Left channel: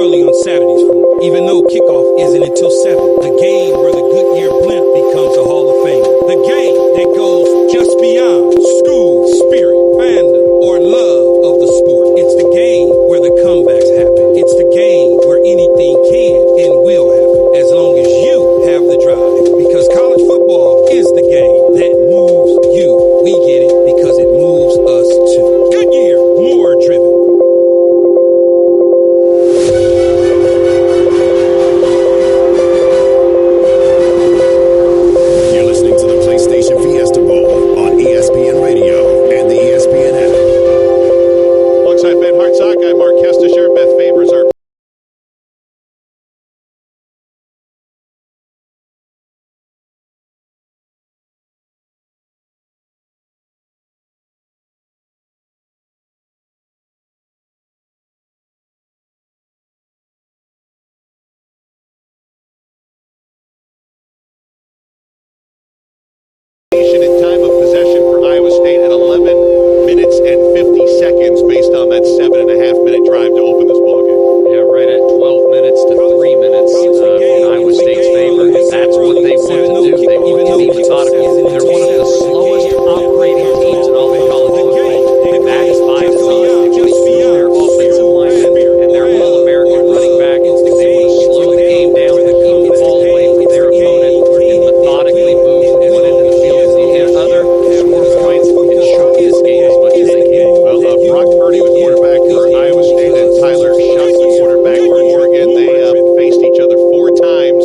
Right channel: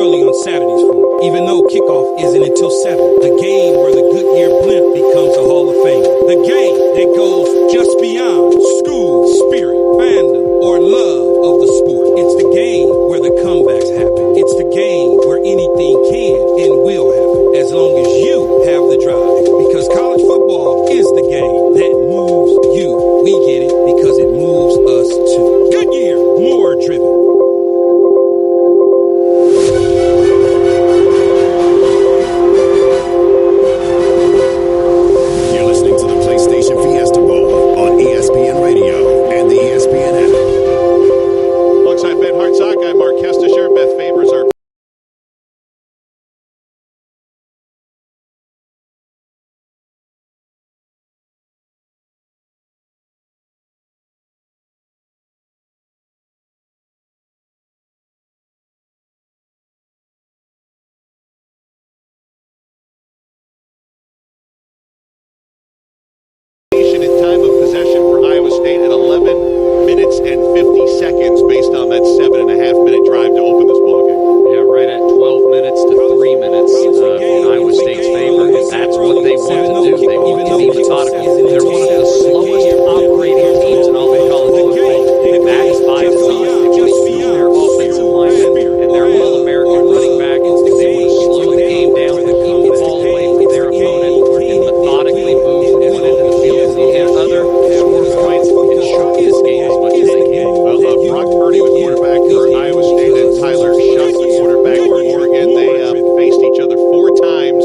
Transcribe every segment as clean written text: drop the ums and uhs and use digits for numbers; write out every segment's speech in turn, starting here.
early on Saturdays for, even though kickoff isn't until 7. The game where the Goodyear blimp becomes a Hall of Fame. The game that goes just beyond school, spirit, fandom, or love of the sport. It's the game where the comebacks happen. It's the game where anything can and will happen, as long as you have the drive. Because college football is the game that moves you. We get it because it moves us too. Goodyear, more driven. You're listening to the PlayStation Fiesta Bowl on ESPN Radio and the ESPN app. Alongside Ben Hartsock, I'm Mark Kestisher. Beth Favors our in time of possession for Iowa State at 11 minutes and 50 seconds based on that 7.5-minute drive to open this ballgame. Yeah, right at 12 minutes to 3 minutes in Iowa State's favor, and that's what they want to do. They want to be methodical. They're one of the slowest operating teams in all of college football, and that is by design. They want to use their offensive linemen and their All-American running back. They want to slow the game down to keep the ball away from their opponent and methodically move one end of the field to the other, score points, and choke this game as much as they can. Well, Brock Purdy, the quarterback for Iowa State, and Tyler Shuck, the quarterback for Oregon. They faced each other 4 times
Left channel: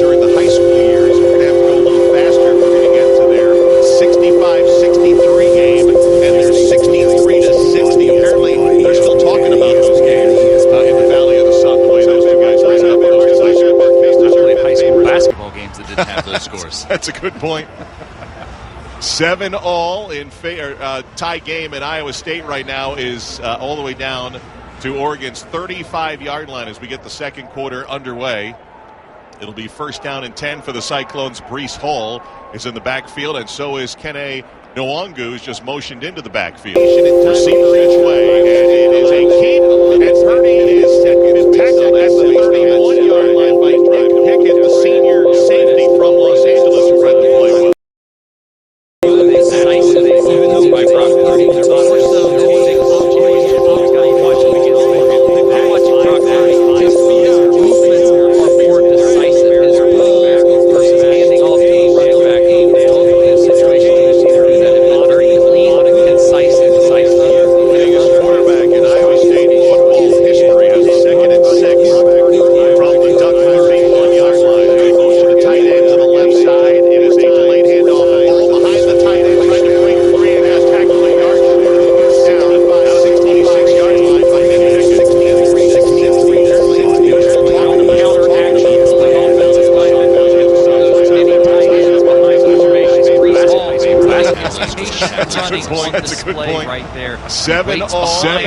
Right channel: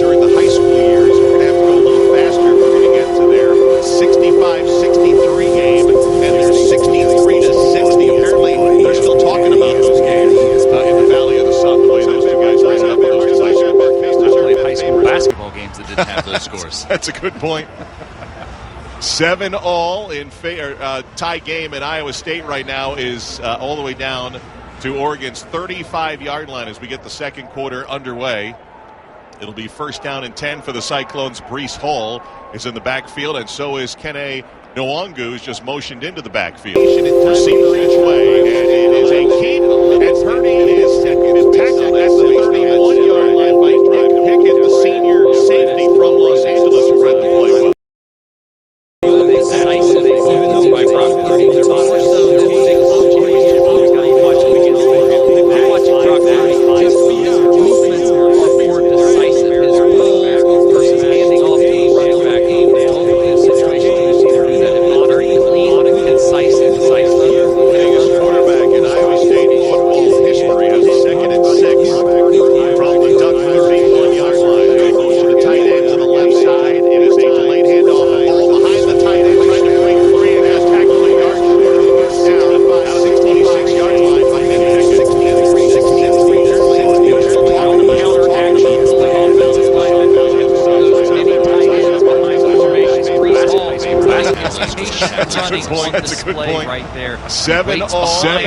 during the high school years. We're going to have to go a little faster if we're going to get to their 65-63 game and their 63-60. Apparently, they're still talking about those games in the Valley of the Sun, the way those two guys ran up. I played high school basketball games that didn't have those scores. That's a good point. 7-all in tie game in Iowa State right now is all the way down to Oregon's 35-yard line as we get the second quarter underway. It'll be first down and 10 for the Cyclones. Breece Hall is in the backfield, and so is Kene Nwangu, who's just motioned into the backfield. Receiver each way, and it is a keep, and Purdy is tackled at the 31-yard line by Nick Pickett, the senior safety from Los Angeles, who read the play well. By Brock Purdy. They're more so than anything I'm watching Brock Purdy. His movements are more decisive. His running back versus handing off to the running back. In situation, you see there that very clean, concise, and decisive. The biggest quarterback in Iowa State football history has a 2nd and 6 from the Duck 31-yard line. They motion to tight end to the left side. It is a delayed handoff. Ball behind the tight end, trying to break free and has tackled a yard short of the first down. 66-yard line by Nick Pickett. That's a good point. That's a good point. Right there. 7-all. Tie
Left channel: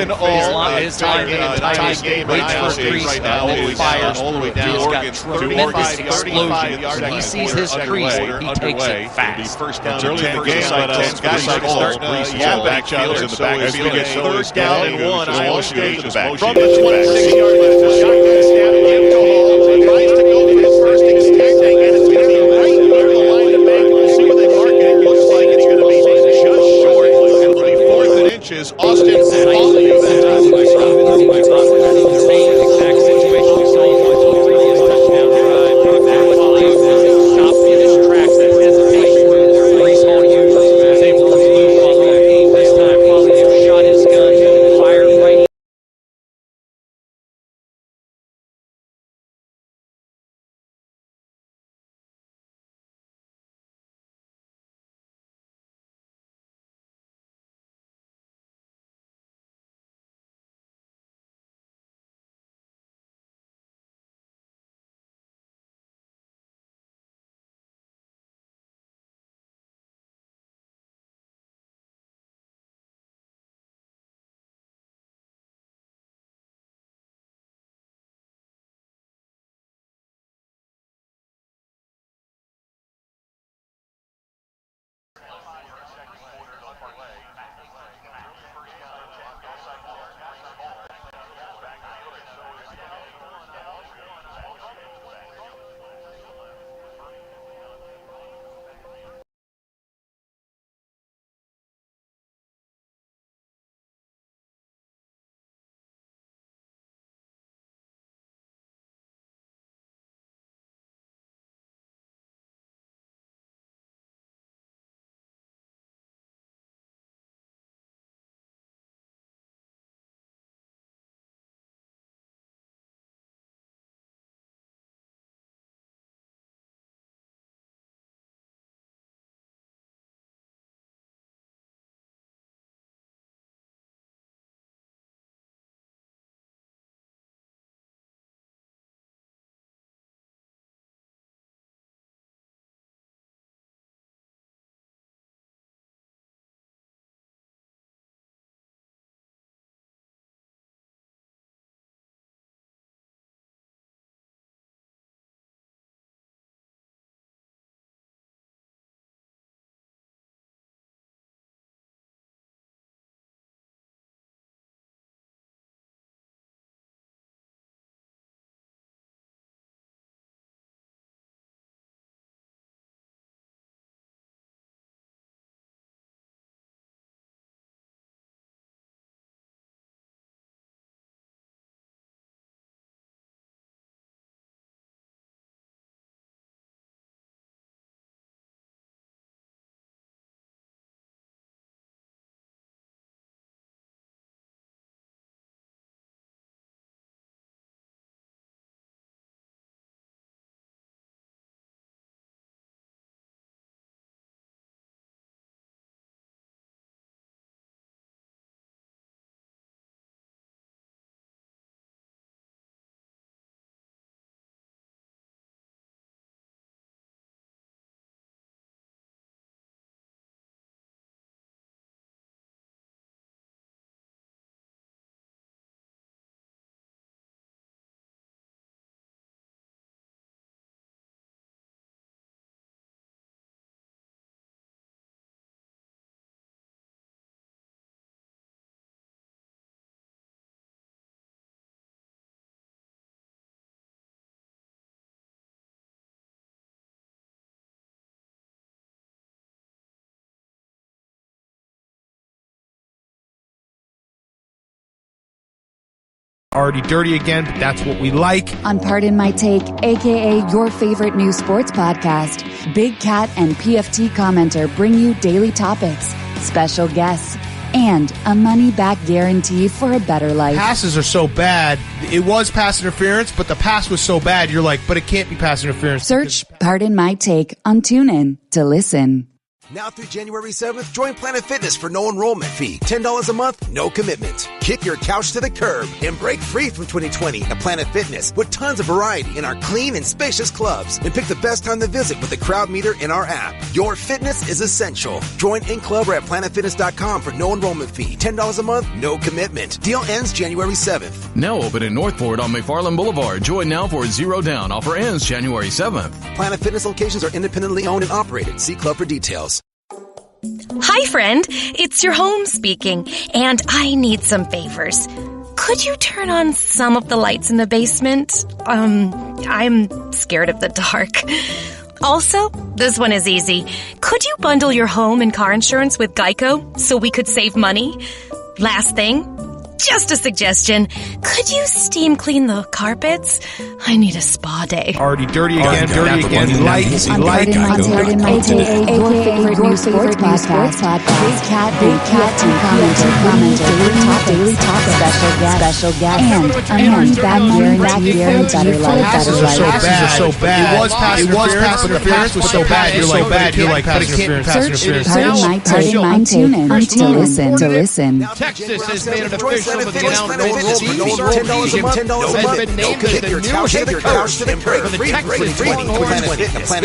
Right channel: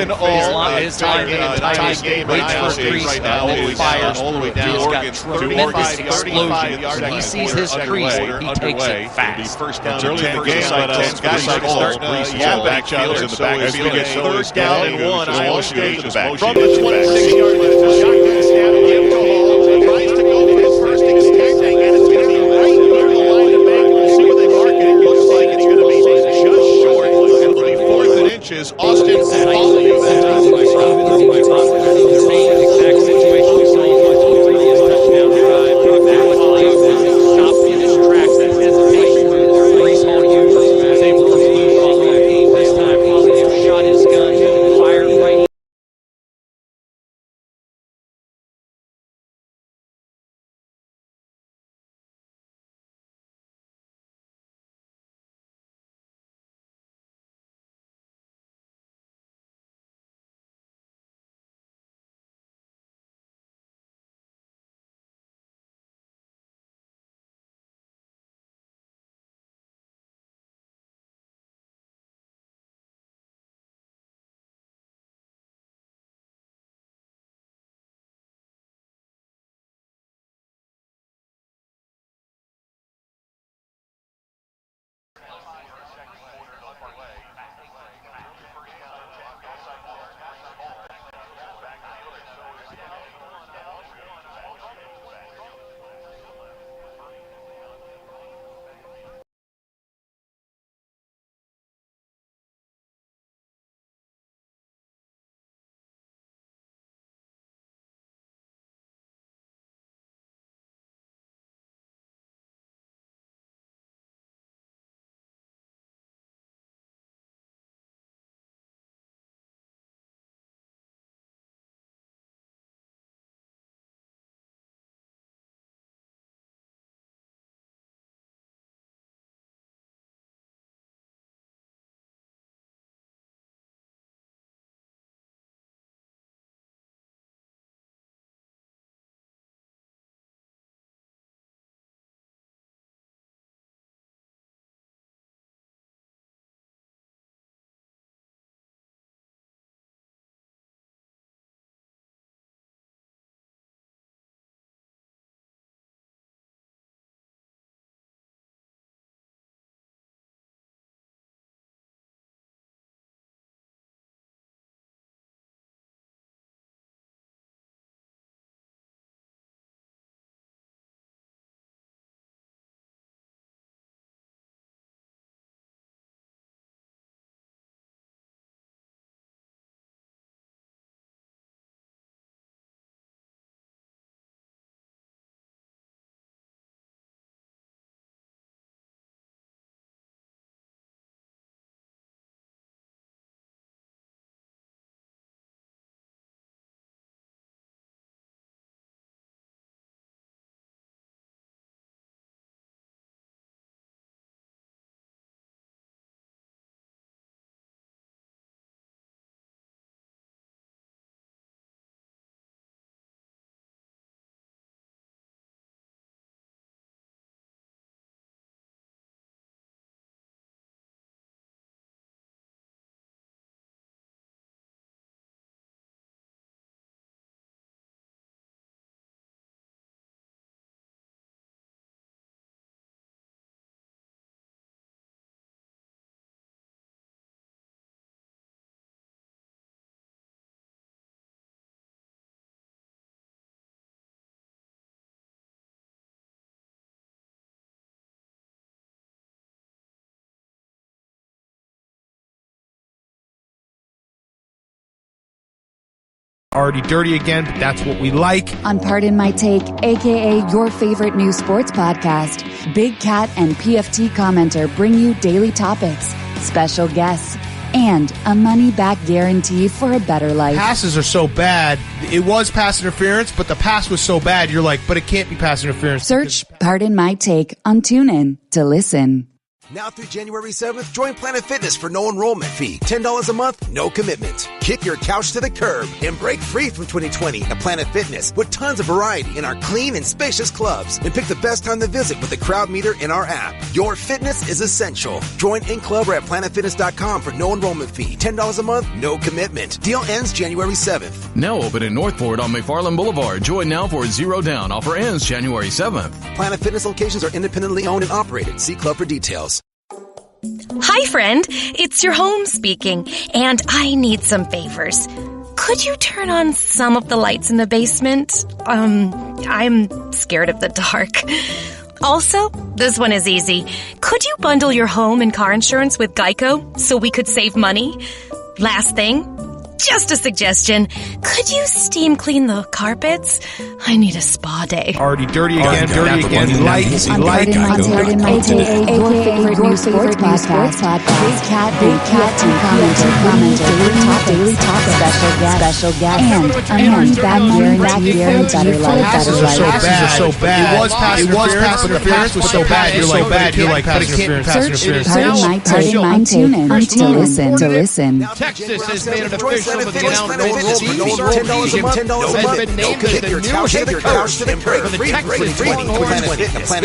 game right now is all the way down to Oregon's 35-yard line. He sees his crease. He takes it fast. First down early in the game, but guys are starting to yap at each other in the back. As we get third down and 1, Iowa State is back. From the 26-yard line, the shotgun snap, give to Hall. Tries to go for his first extending, and it's going to be right near the line to make. We'll see what they mark it. It looks like it's going to be just short. It'll be 4th and inches. Austin following that. Already dirty again, but that's what we like. On Pardon My Take, a.k.a. your favorite new sports podcast, Big Cat and PFT Commenter bring you daily topics, special guests, and a money-back guarantee for a better life. Passes are so bad. It was pass interference, but the pass was so bad, you're like, but it can't be pass interference. Search Pardon My Take on TuneIn to listen. Now through January 7th, join Planet Fitness for no enrollment fee. $10 a month, no commitment. Kick your couch to the curb and break free from 2020 at Planet Fitness with tons of variety in our clean and spacious clubs. And pick the best time to visit with the crowd meter in our app. Your fitness is essential. Join in club or at planetfitness.com for no enrollment fee. $10 a month, no commitment. Deal ends January 7th. Now open in Northport on McFarland Boulevard. Join now for $0 down. Offer ends January 7th. Planet Fitness locations are independently owned and operated. See club for details. Hi, friend. It's your home speaking, and I need some favors. Could you turn on some of the lights in the basement? I'm scared of the dark. Also, this one is easy. Could you bundle your home and car insurance with Geico so we could save money? Last thing, just a suggestion. Could you steam clean the carpets? I need a spa day. Already dirty again, dirty again. Like. Pardon My Take, a.k.a. your favorite new sports podcast. Big Cat and commenter, daily topic, special guest, and a money-back guarantee for a better life. Passes are so bad. It was pass interference, but the pass was so bad, you're like, but it can't be pass interference. Pardon My Take on TuneIn to listen. Texas has made it official with the announcement that Steve $10 a month, has been named as the new head coach for the Texas Longhorns.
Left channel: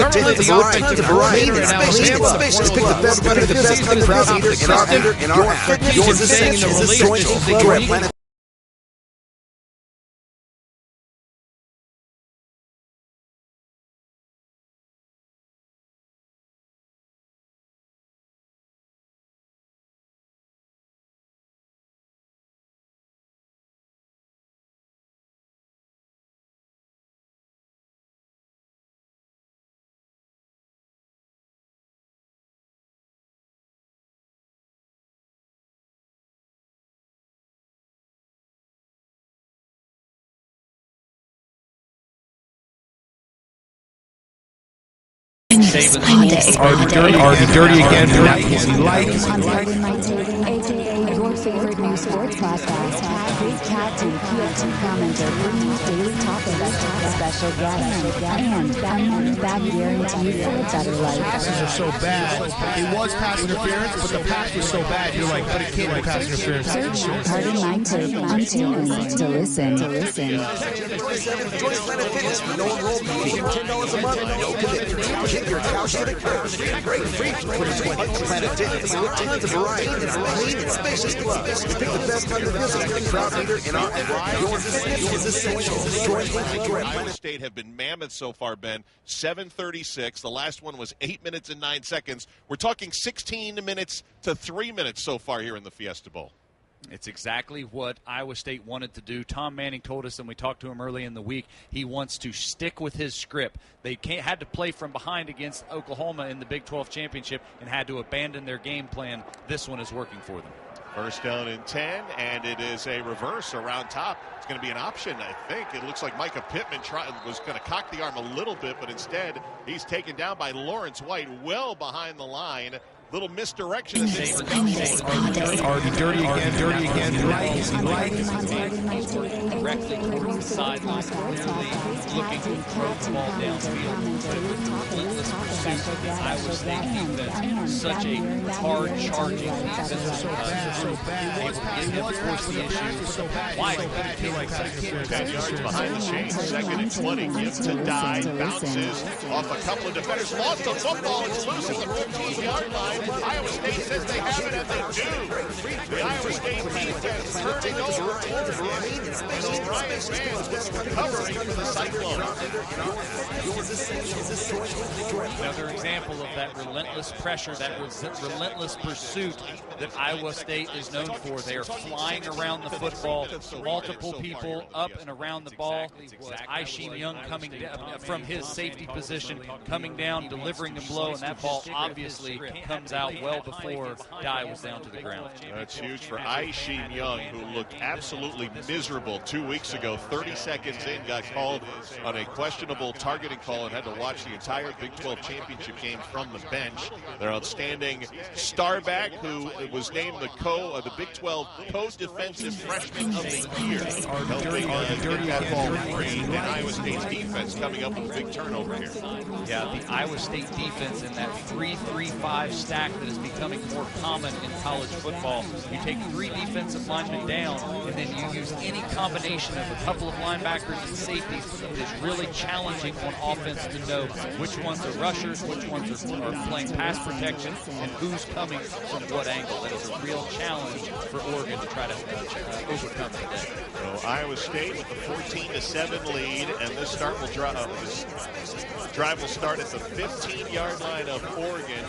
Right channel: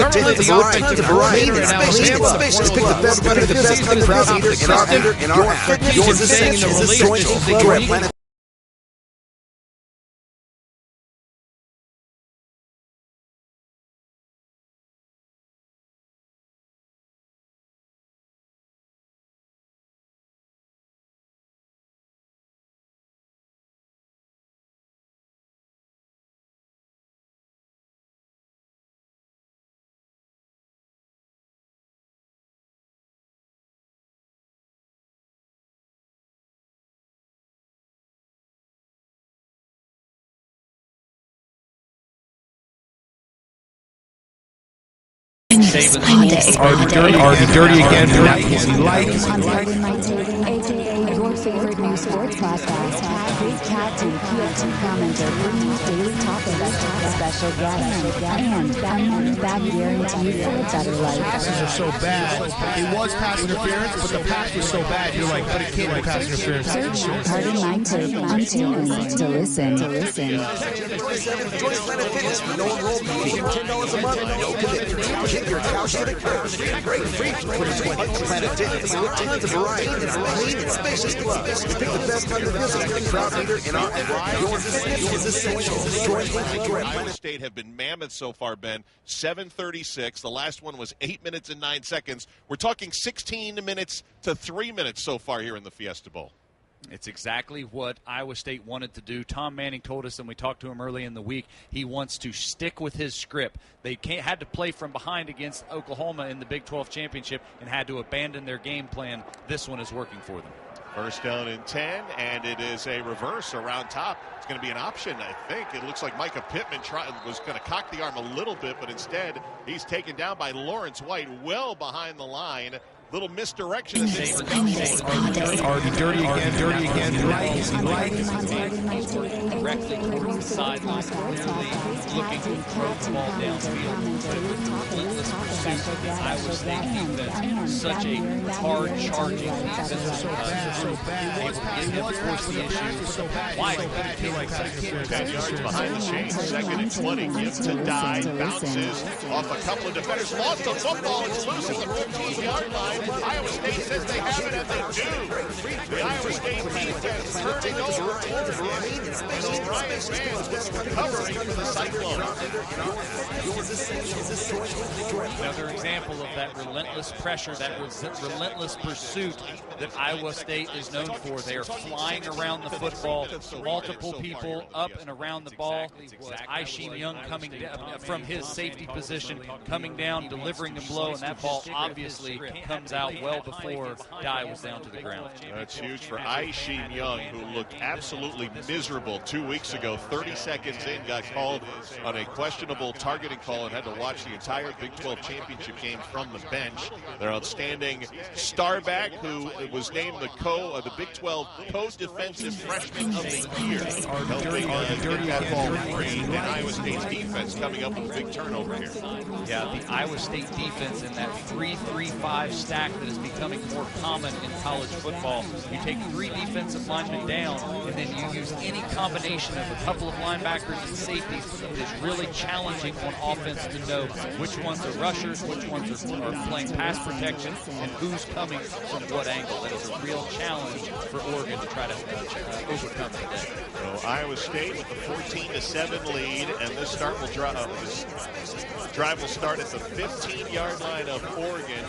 Currently, the offensive coordinator in Alabama pick the best of the season is not consistent. Your fitness is staying in the relationship. Already dirty again. Like. On Pardon My Take, a.k.a. your favorite new sports podcast, Big Cat and PFT Commenter bring you daily topics, special guests, and a money-back guarantee for a better life. Passes are so bad. It was pass interference, but the pass was so bad, you're like, but it can't be pass interference. Search Pardon My Take on TuneIn to listen. Join Planet Fitness for no enrollment fee. $10 a month, no commitment. Kick your couch to the curb and break free from 2020. Planet Fitness with tons of variety in our clean and spacious clubs. Pick the best time to visit with the crowd leader in our app. Your fitness is essential. Join Iowa State have been mammoth so far, Ben. 7:36. The last one was 8 minutes and 9 seconds. We're talking 16 minutes to 3 minutes so far here in the Fiesta Bowl. It's exactly what Iowa State wanted to do. Tom Manning told us, and we talked to him early in the week, he wants to stick with his script. They had to play from behind against Oklahoma in the Big 12 championship and had to abandon their game plan. This one is working for them. First down and 10, and it is a reverse around top. It's going to be an option, I think. It looks like Micah Pittman was going to cock the arm a little bit, but instead he's taken down by Lawrence White well behind the line. Little misdirection. Already dirty again. Like. Directly towards the sideline, clearly looking to throw the ball downfield. But it was a relentless pursuit. Iowa State defense, such a hard-charging defense. Able to get him, force the issue. White, 10 yards behind the chains. Second and 20. Give to Dye. Bounces off a couple of defenders. Lost the football. It's loose at the 15-yard line. Iowa State says they have it, and they do. The Iowa State defense turning over Oregon. And O'Rien Vance was recovering for the Cyclones. Another example of that relentless pressure, that relentless pursuit that Iowa State is known for. They are flying around the football, multiple people up and around the ball. Aisheem Young coming down from his safety position, coming down, delivering a blow, and that ball obviously comes out well before Dye was down to the ground. That's huge for Aisheem Young, who looked absolutely miserable 2 weeks ago. 30 seconds in, got called on a questionable targeting call and had to watch the entire Big 12 championship game from the bench. Their outstanding starback, who was named the Big 12 co-defensive freshman of the year, helping get that ball free, and Iowa State's defense coming up with a big turnover here. Yeah, the Iowa State defense in that 3-3-5 stack that is becoming more common in college football. You take 3 defensive linemen down, and then you use any combination of a couple of linebackers and safeties. It is really challenging on offense to know which ones are rushers, which ones are playing pass protection, and who's coming from what angle. That is a real challenge for Oregon to try to overcome today. So Iowa State with the 14-7 lead, and this drive will start at the 15-yard line of Oregon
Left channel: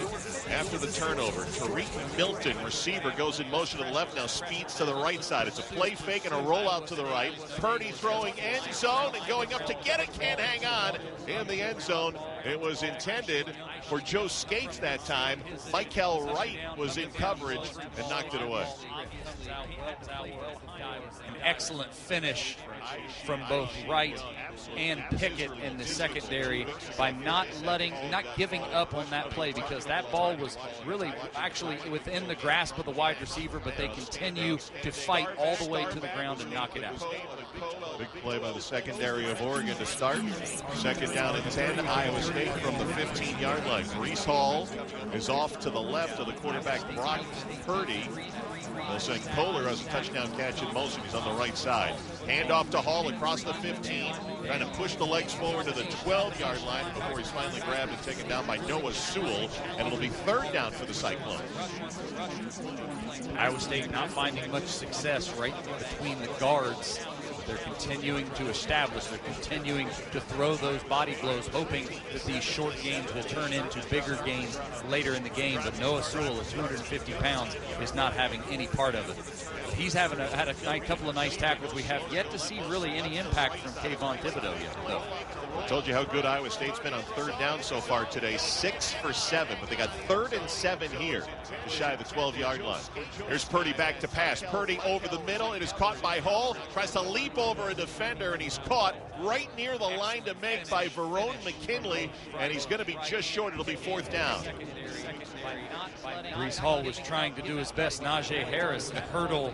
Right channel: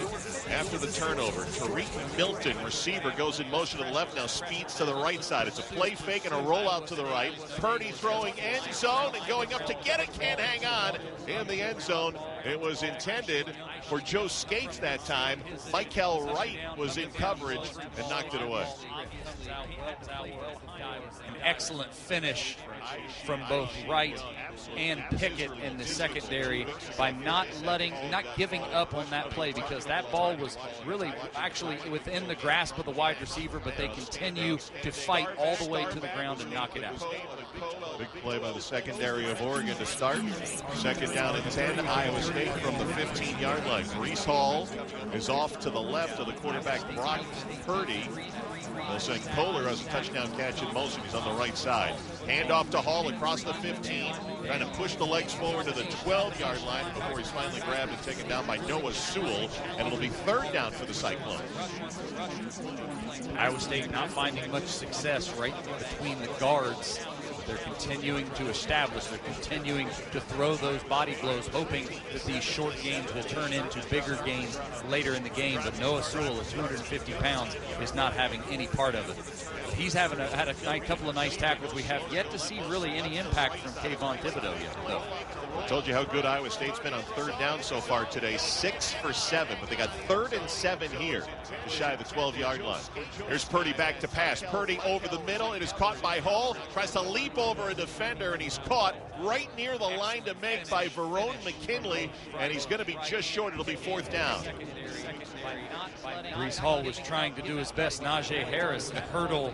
after the turnover. Tariq Milton, receiver, goes in motion to the left, now speeds to the right side. It's a play fake and a rollout to the right. Purdy throwing end zone and going up to get it, can't hang on in the end zone. It was intended for Joe Skates that time. Michael Wright was in coverage and knocked it away. An excellent finish from both Wright and Pickett in the secondary by not giving up on that play, because that ball was really actually within the grasp of the wide receiver, but they continue to fight all the way to the ground and knock it out. Big play by the secondary of Oregon to start. Second down and 10, Iowa State from the 15-yard line. Breece Hall is off to the left of the quarterback, Brock Purdy. Wilson Kohler has a touchdown catch in motion. He's on the right side. Hand off to Hall across the 15, trying to push the legs forward to the 12-yard line before he's finally grabbed and taken down by Noah Sewell, and it'll be third down for the Cyclones. Iowa State not finding much success right between the guards. They're continuing to establish, they're continuing to throw those body blows, hoping that these short gains will turn into bigger gains later in the game. But Noah Sewell at 250 pounds is not having any part of it. He's had a couple of nice tackles. We have yet to see really any impact from Kayvon Thibodeau yet, though. I told you how good Iowa State's been on third down so far today. 6 for 7, but they got 3rd and 7 here, just shy of the 12-yard line. Here's Purdy back to pass. Purdy over the middle. It is caught by Hall. Tries to leap over a defender, and he's caught right near the line to make by Verone McKinley, and he's going to be just short. It'll be 4th down. Breece Hall was trying to do his best. Najee Harris hurdle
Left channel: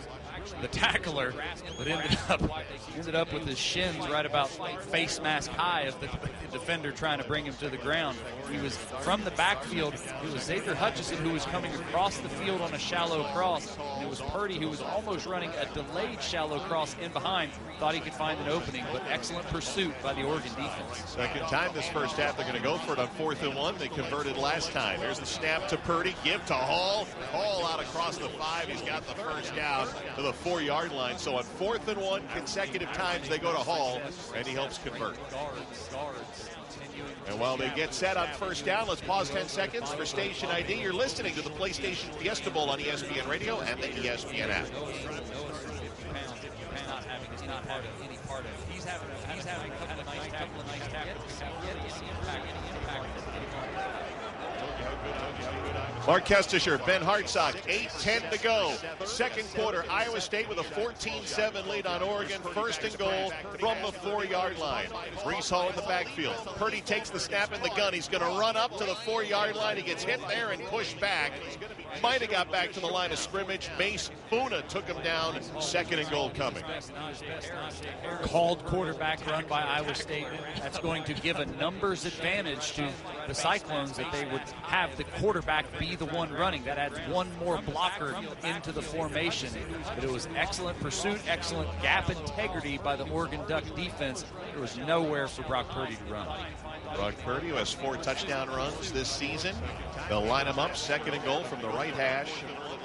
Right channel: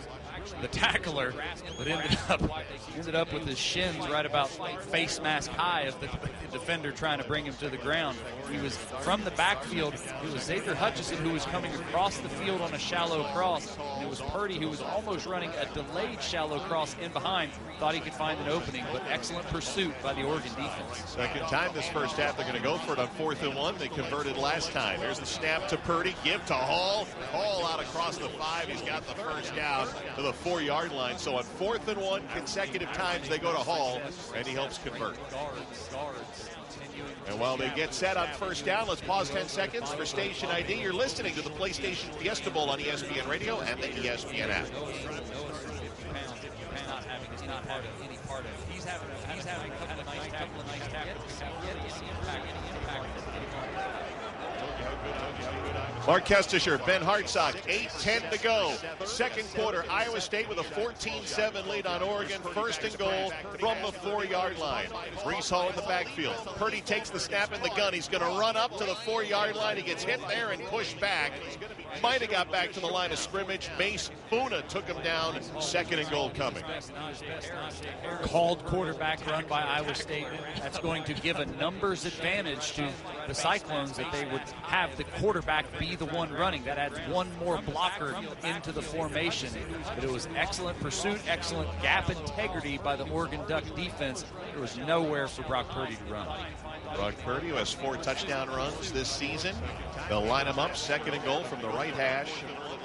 the tackler, but ended up with his shins right about face mask high of the defender trying to bring him to the ground. He was from the backfield. It was Xavier Hutchinson who was coming across the field on a shallow cross, and it was Purdy who was almost running a delayed shallow cross in behind. Thought he could find an opening, but excellent pursuit by the Oregon defense. Second time this first half they're going to go for it on 4th and 1. They converted last time. Here's the snap to Purdy. Give to Hall. Hall out across the 5. He's got the first down to the 4-yard line. So on 4th and 1 consecutive times they go to Hall, and he helps convert. And while they get set on first down, let's pause 10 seconds for station ID. You're listening to the PlayStation Fiesta Bowl on ESPN Radio and the ESPN app. He's not having any part of it. He's having a couple of nice tackles. Mark Kestisher, Ben Hartsock, 8:10 to go. Second quarter, Iowa State with a 14-7 lead on Oregon. First and goal from the 4-yard line. Breece Hall in the backfield. Purdy takes the snap in the gun. He's going to run up to the 4-yard line. He gets hit there and pushed back. Might have got back to the line of scrimmage. Mace Funa took him down. Second and goal coming. Called quarterback run by Iowa State. That's going to give a numbers advantage to the Cyclones that they would have the quarterback be the one running. That adds one more blocker into the formation. But it was excellent pursuit, excellent gap integrity by the Oregon Duck defense. There was nowhere for Brock Purdy to run. Brock Purdy, who has 4 touchdown runs this season. They'll line him up, second and goal from the right hash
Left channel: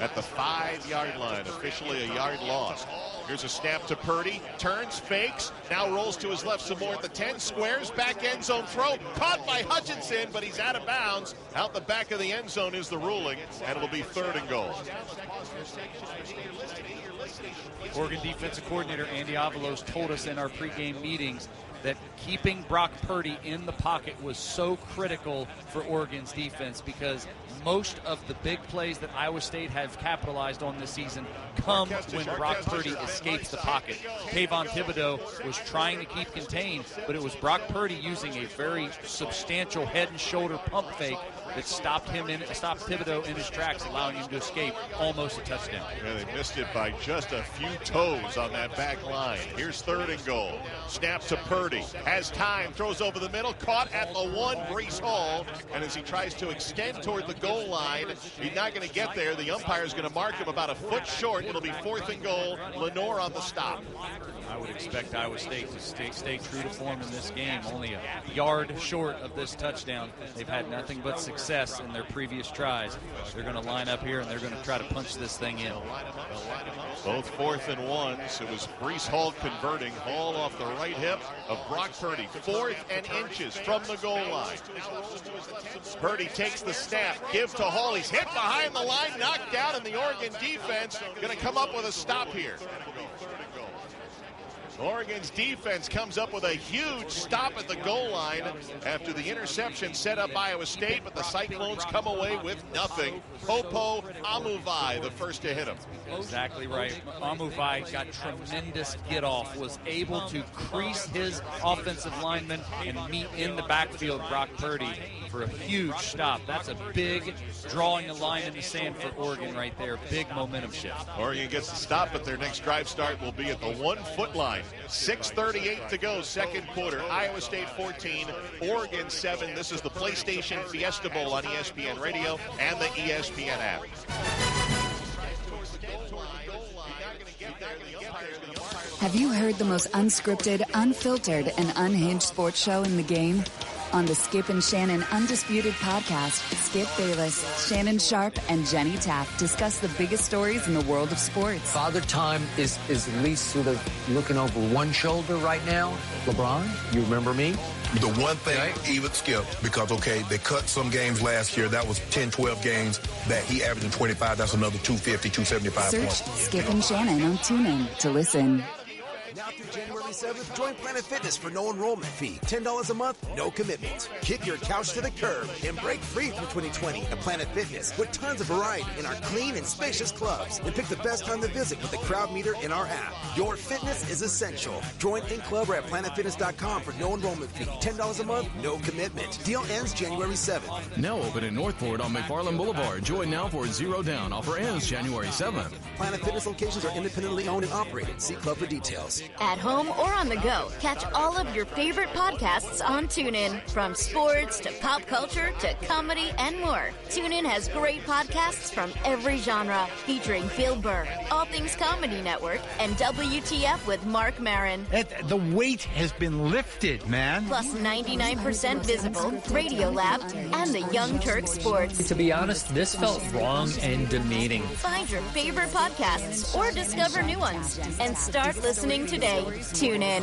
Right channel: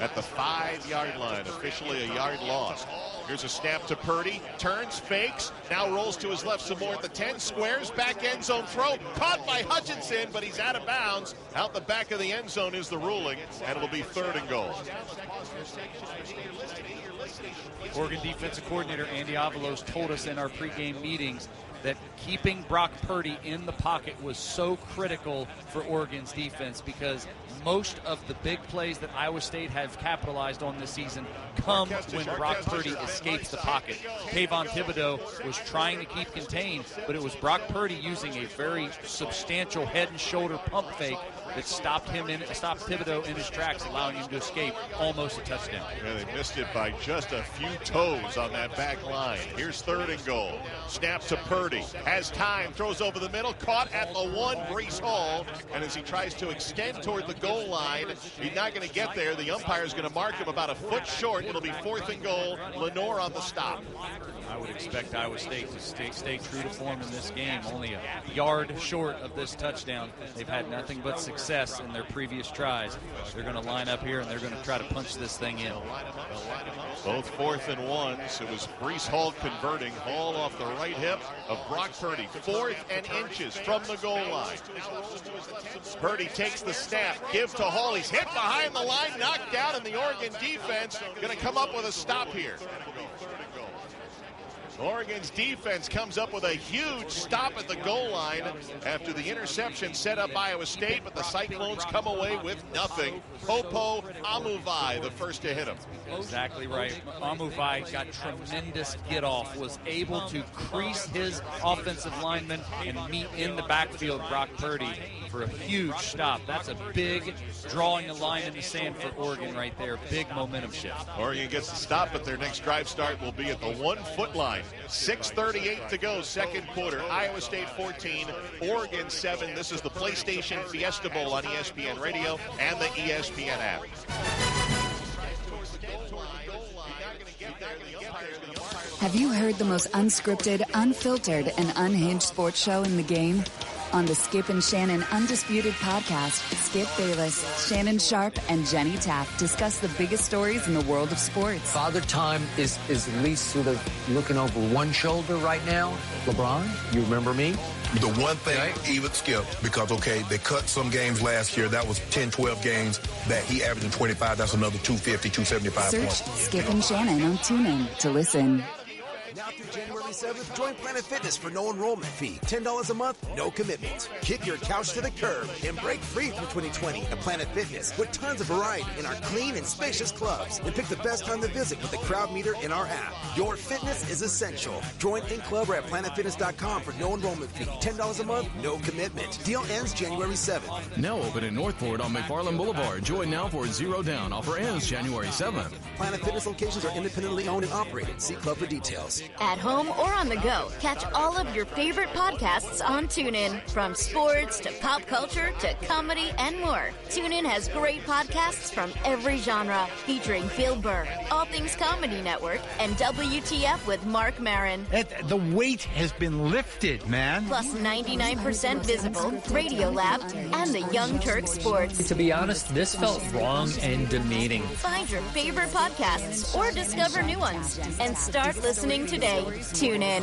at the 5-yard line. Officially a yard loss. Here's a snap to Purdy. Turns, fakes. Now rolls to his left some more at the 10. Squares. Back end zone throw. Caught by Hutchinson, but he's out of bounds. Out the back of the end zone is the ruling, and it'll be 3rd and goal. Oregon defensive coordinator Andy Avalos told us in our pregame meetings that keeping Brock Purdy in the pocket was so critical for Oregon's defense because most of the big plays that Iowa State have capitalized on this season come when Brock Purdy escapes the pocket. Kayvon Thibodeau was trying to keep contained, but it was Brock Purdy using a very substantial head and shoulder pump fake that stopped Thibodeau in his tracks, allowing him to escape almost a touchdown. Yeah, they missed it by just a few toes on that back line. Here's 3rd and goal. Snap to Purdy. Has time. Throws over the middle. Caught at the 1, Breece Hall. And as he tries to extend toward the goal line, he's not going to get there. The umpire is going to mark him about a foot short. It'll be 4th and goal. Lenore on the stop. I would expect Iowa State to stay true to form in this game. Only a yard short of this touchdown. They've had nothing but success in their previous tries. They're going to line up here and they're going to try to punch this thing in. Both 4th and 1s. It was Breece Hall converting. Hall off the right hip of Brock Purdy. 4th and inches from the goal line. Purdy takes the snap. Give to Hall. He's hit behind the line. Knocked down, and the Oregon defense going to come up with a stop here. Oregon's defense comes up with a huge stop at the goal line after the interception set up Iowa State, but the Cyclones come away with nothing. Popo Amuvai, the first to hit him. Exactly right. Amuvai got tremendous get-off, was able to crease his offensive lineman and meet in the backfield Brock Purdy for a huge stop. That's a big drawing a line in the sand for Oregon right there. Big momentum shift. Oregon gets the stop, but their next drive start will be at the 1-foot line. 6:38 to go, second quarter. Iowa State 14, Oregon 7. This is the PlayStation Fiesta Bowl on ESPN Radio and the ESPN app. Have you heard the most unscripted, unfiltered, and unhinged sports show in the game? On the Skip and Shannon Undisputed Podcast, Skip Bayless, Shannon Sharp, and Jenny Taft discuss the biggest stories in the world of sports. Father Time is at least sort of looking over one shoulder right now. LeBron, you remember me? The one thing, even Skip, because, okay, they cut some games last year. That was 10, 12 games that he averaged in 25. That's another 250, 275 Search points. Skip and Shannon on TuneIn to listen. Now through January 7th, join Planet Fitness for no enrollment fee. $10 a month, no commitment. Kick your couch to the curb and break free from 2020 at Planet Fitness with tons of variety in our clean and spacious clubs. And pick the best time to visit with the crowd meter in our app. Your fitness is essential. Join in club or at planetfitness.com for no enrollment fee. $10 a month, no commitment. Deal ends January 7th. Now open in Northport on McFarland Boulevard. Join now for $0 down. Offer ends January 7th. Planet Fitness locations are independently owned and operated. See club for details. At home or on the go, catch all of your favorite podcasts on TuneIn. From sports to pop culture to comedy and more. TuneIn has great podcasts from every genre, featuring Bill Burr, All Things Comedy Network, and WTF with Mark Maron. The weight has been lifted, man. Plus 99% Visible, Radiolab, and the Young Turk Sports. To be honest, this felt wrong and demeaning. Find your favorite podcasts or discover new ones and start listening today. Tune in.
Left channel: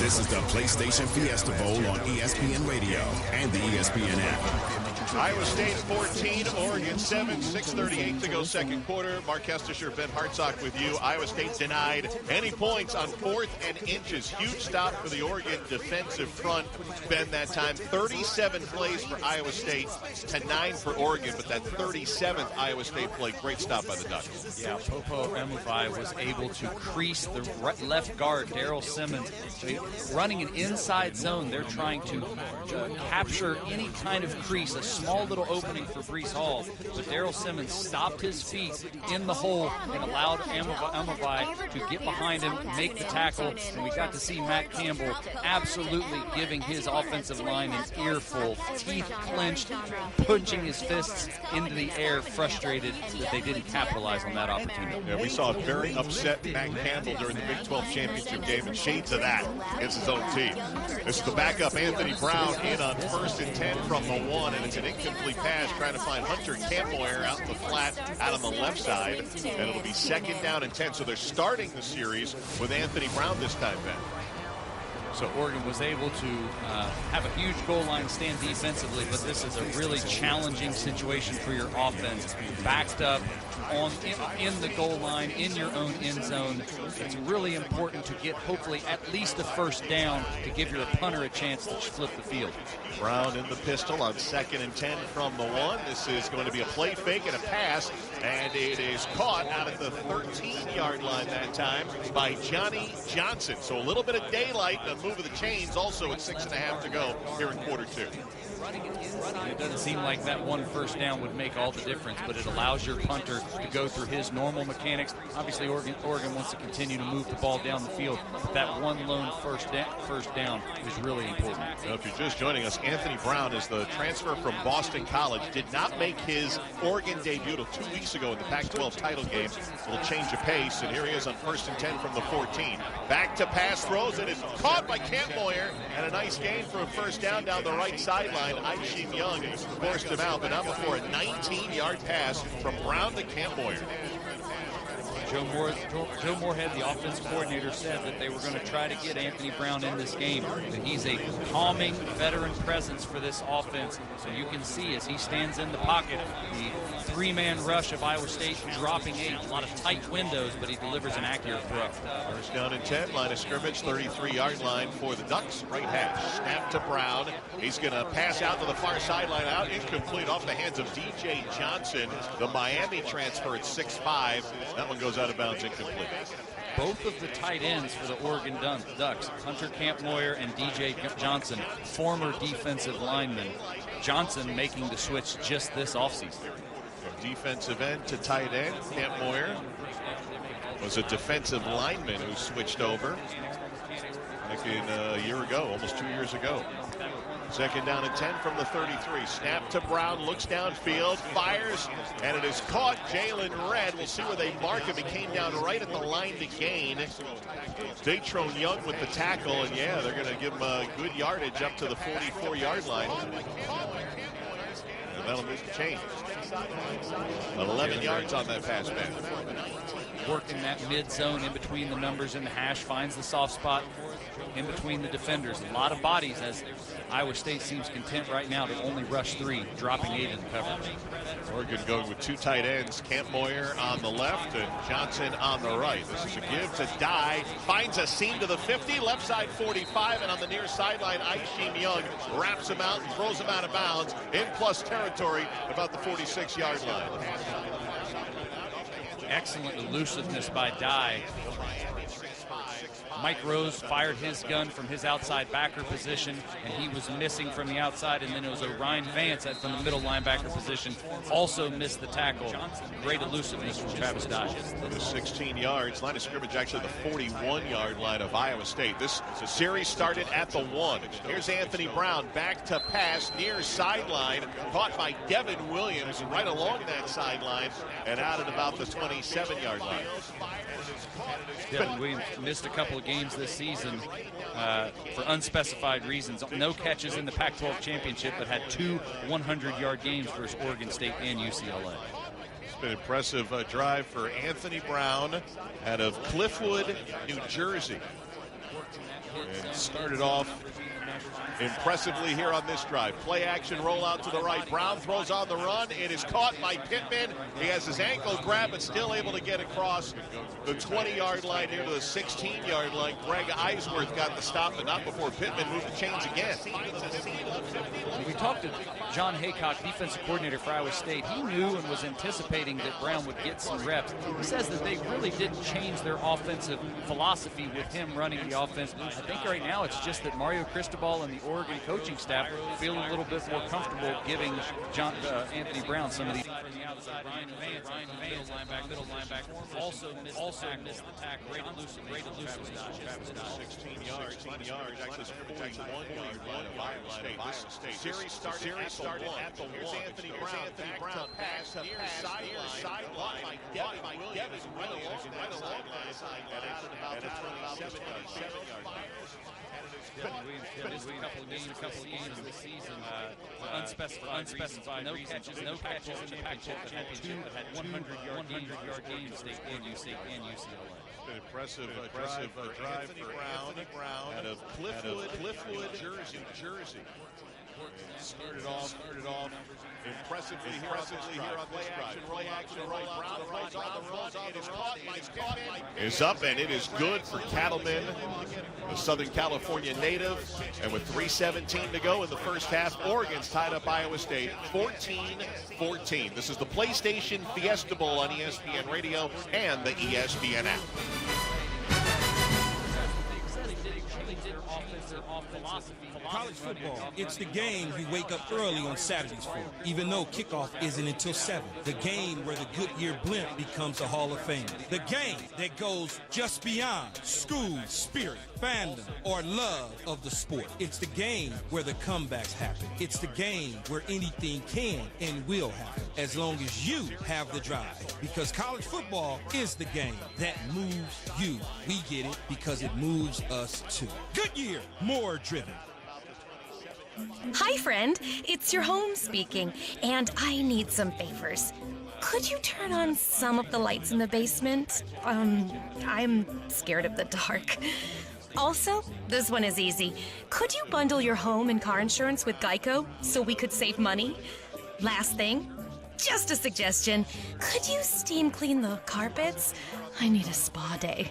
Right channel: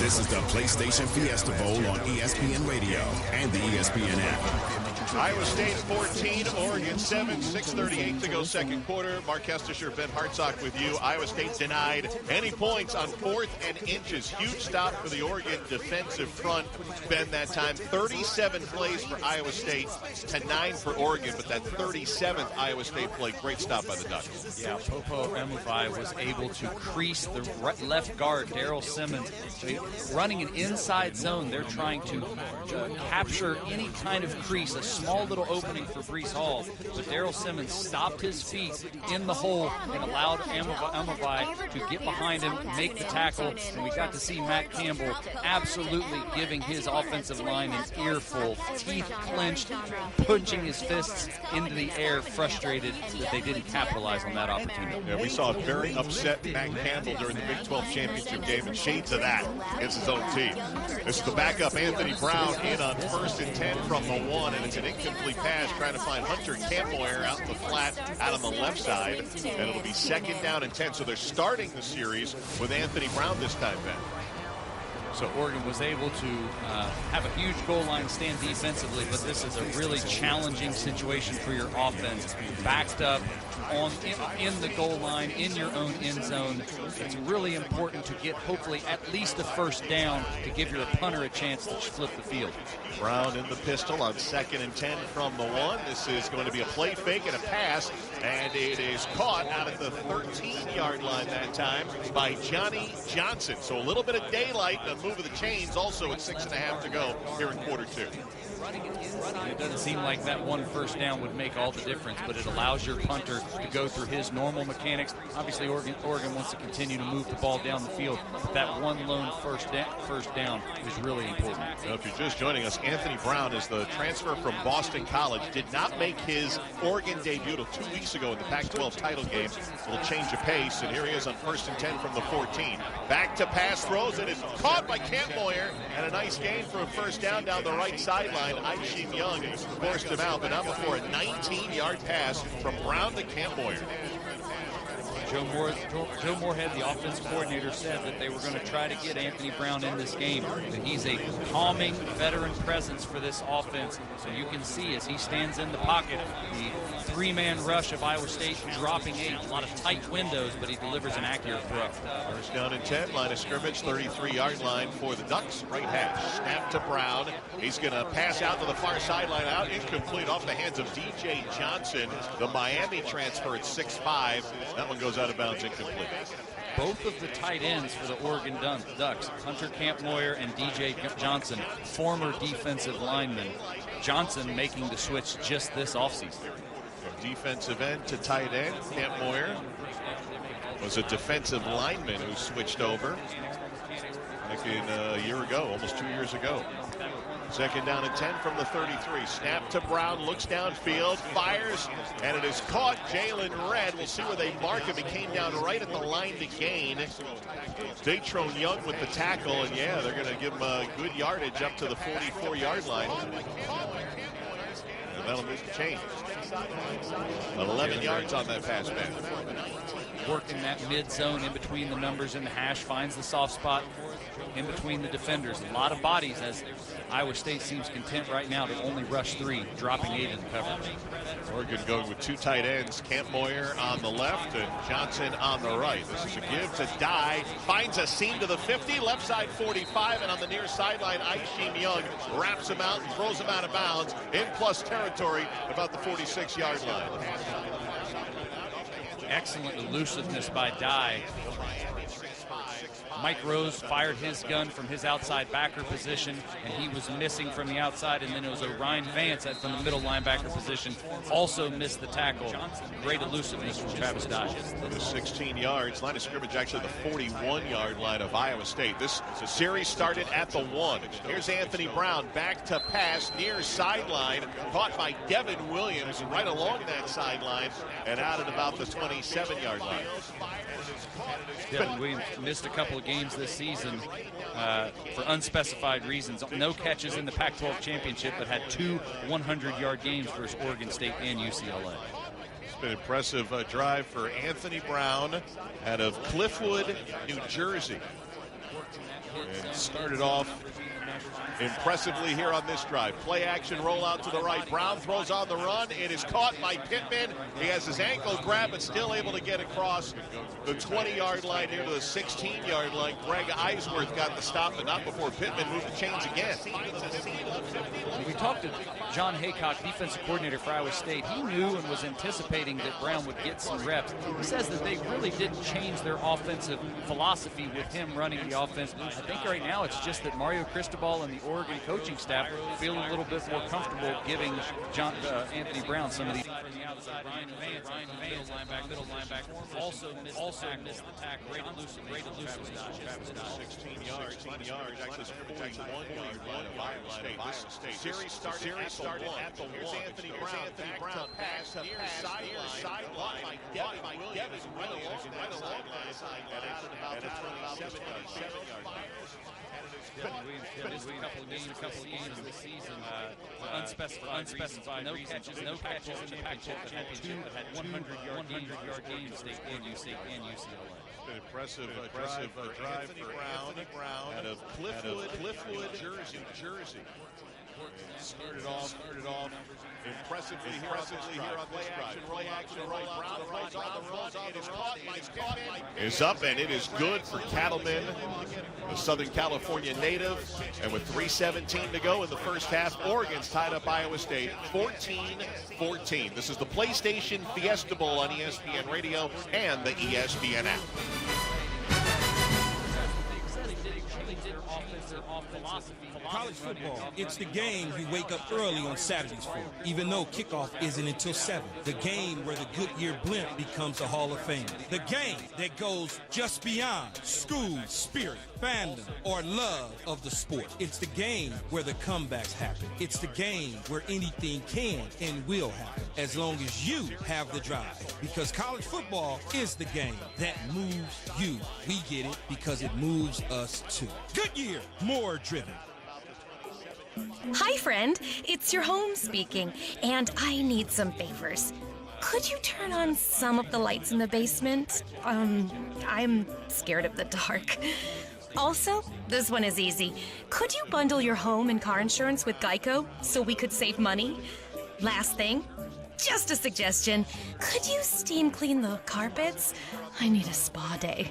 This is the PlayStation Fiesta Bowl on ESPN Radio and the ESPN app. Iowa State 14, Oregon 7, 6:38 to go second quarter. Mark Kestisher, Ben Hartsock with you. Iowa State denied any points on 4th and inches. Huge stop for the Oregon defensive front. Ben, that time 37 plays for Iowa State to 9 for Oregon, but that 37th Iowa State play, great stop by the Ducks. Yeah, Popo Amuvai was able to crease the left guard, Daryl Simmons, running an inside zone. They're trying to capture any kind of crease, a small little opening for Breece Hall, but Darrell Simmons stopped his feet in the hole and allowed Amavai to get behind him, make the tackle, and we got to see Matt Campbell absolutely giving his offensive line an earful, teeth clenched, punching his fists into the air, frustrated that they didn't capitalize on that opportunity. Yeah, we saw a very upset Matt Campbell during the Big 12 championship game, and shades of that against his own team. This is the backup Anthony Brown in on 1st and 10 from the 1, and it's an incomplete pass trying to find Hunter Campbell out in the flat out on the left side, and it'll be 2nd down and 10. So they're starting the series with Anthony Brown this time, Ben. So Oregon was able to have a huge goal line stand defensively, but this is a really challenging situation for your offense. Backed up in the goal line, in your own end zone. It's really important to get hopefully at least a 1st down to give your punter a chance to flip the field. Brown in the pistol on 2nd and 10 from the 1. This is going to be a play fake and a pass, and it is caught out at the 13-yard line that time by Johnny Johnson. So a little bit of daylight and a move of the chains also at 6.5 to go here in quarter 2. It doesn't seem like that 1 1st down would make all the difference, but it allows your punter to go through his normal mechanics. Obviously, Oregon wants to continue to move the ball down the field, but that one lone first down is really important. Now, if you're just joining us, Anthony Brown is the transfer from Boston College. Did not make his Oregon debut till 2 weeks ago in the Pac-12 title game. A little change of pace, and here he is on 1st and 10 from the 14. Back to pass throws, and it's caught by Campmoyer, and a nice gain for a 1st down the right sideline. Aishim Young forced him out, but not before a 19-yard pass from Brown to Campmoyer. Joe Moorhead, the offensive coordinator, said that they were going to try to get Anthony Brown in this game. That he's a calming veteran presence for this offense. So you can see as he stands in the pocket, the 3-man rush of Iowa State dropping 8. A lot of tight windows, but he delivers an accurate throw. 1st down and 10, line of scrimmage, 33-yard line for the Ducks. Right hash, snap to Brown. He's going to pass out to the far sideline, out incomplete off the hands of DJ Johnson, the Miami transfer at 6'5". That one goes out of bounds, incomplete. Both of the tight ends for the Oregon Ducks, Hunter Campmoyer and DJ Johnson, former defensive linemen. Johnson making the switch just this offseason. From defensive end to tight end, Campmoyer was a defensive lineman who switched over back in a year ago, almost 2 years ago. 2nd down and 10 from the 33. Snap to Brown, looks downfield, fires, and it is caught. Jalen Redd. We'll see where they mark him. He came down right at the line to gain. Datrone Young with the tackle, and yeah, they're going to give him a good yardage up to the 44-yard line. And that'll make the change. 11 yards on that pass, man. Working that mid zone in between the numbers and the hash, finds the soft spot in between the defenders. A lot of bodies as Iowa State seems content right now to only rush 3, dropping 8 in coverage. Oregon going with 2 tight ends, Campmoyer on the left and Johnson on the right. This is a give to Dye, finds a seam to the 50, left side 45, and on the near sideline, Aishim Young wraps him out and throws him out of bounds in plus territory about the 46-yard line. Excellent elusiveness by Dye. Mike Rose fired his gun from his outside backer position, and he was missing from the outside, and then it was Ryan Vance from the middle linebacker position, also missed the tackle. Great elusiveness from Travis Dye. 16 yards, line of scrimmage actually the 41-yard line of Iowa State. This series started at the 1. Here's Anthony Brown, back to pass, near sideline, caught by Devin Williams right along that sideline, and out at about the 27-yard line. Devin Williams missed a couple of games this season for unspecified reasons. No catches in the Pac-12 championship, but had 2 100-yard games versus Oregon State and UCLA. It's been an impressive drive for Anthony Brown out of Cliffwood, New Jersey. And started off impressively here on this drive. Play action rollout to the right. Brown throws on the run. It is caught by Pittman. He has his ankle grabbed, but still able to get across the 20-yard line here to the 16-yard line. Greg Eisworth got the stop, but not before Pittman moved the chains again. We talked to John Haycock, defensive coordinator for Iowa State. He knew and was anticipating that Brown would get some reps. He says that they really didn't change their offensive philosophy with him running the offense. I think right now it's just that Mario Cristobal Cristobal and the Oregon coaching staff feel a little bit more comfortable giving Anthony Brown some of these. From the outside, Ryan middle linebacker, also missed the tackle. Great elusive dodge. 16 yards, actually 41 yard line of Iowa State. Series started at the 1. Here's Anthony Brown pass near sideline by Devin right along that side and out at about the 27-yard line. A couple of games this season, unspecified, no catches in the Pac-12 championship that had 100-yard games in UCLA. An impressive drive for Anthony Brown out of Cliffwood, Jersey. Started off impressively here on this drive. Play action, Brown runs on the run. It is caught. Is up, and it is good for Cattleman, the Southern California native. And with 3:17 to go in the first half, Oregon's tied up Iowa State 14-14. This is the PlayStation Fiesta Bowl on ESPN Radio and the ESPN app. College football, it's the game you wake up early on Saturdays for, even though kickoff isn't until 7. The game where the Goodyear blimp becomes a Hall of Fame. The game that goes just beyond school, spirit, fandom, or love of the sport. It's the game where the comebacks happen. It's the game where anything can and will happen, as long as you have the drive. Because college football is the game that moves you. We get it because it moves us too. Goodyear, more driven. Hi, friend. It's your home speaking, and I need some favors. Could you turn on some of the lights in the basement? I'm scared of the dark. Also, this one is easy. Could you bundle your home and car insurance with Geico so we could save money? Last thing, just a suggestion. Could you steam clean the carpets? I need a spa day.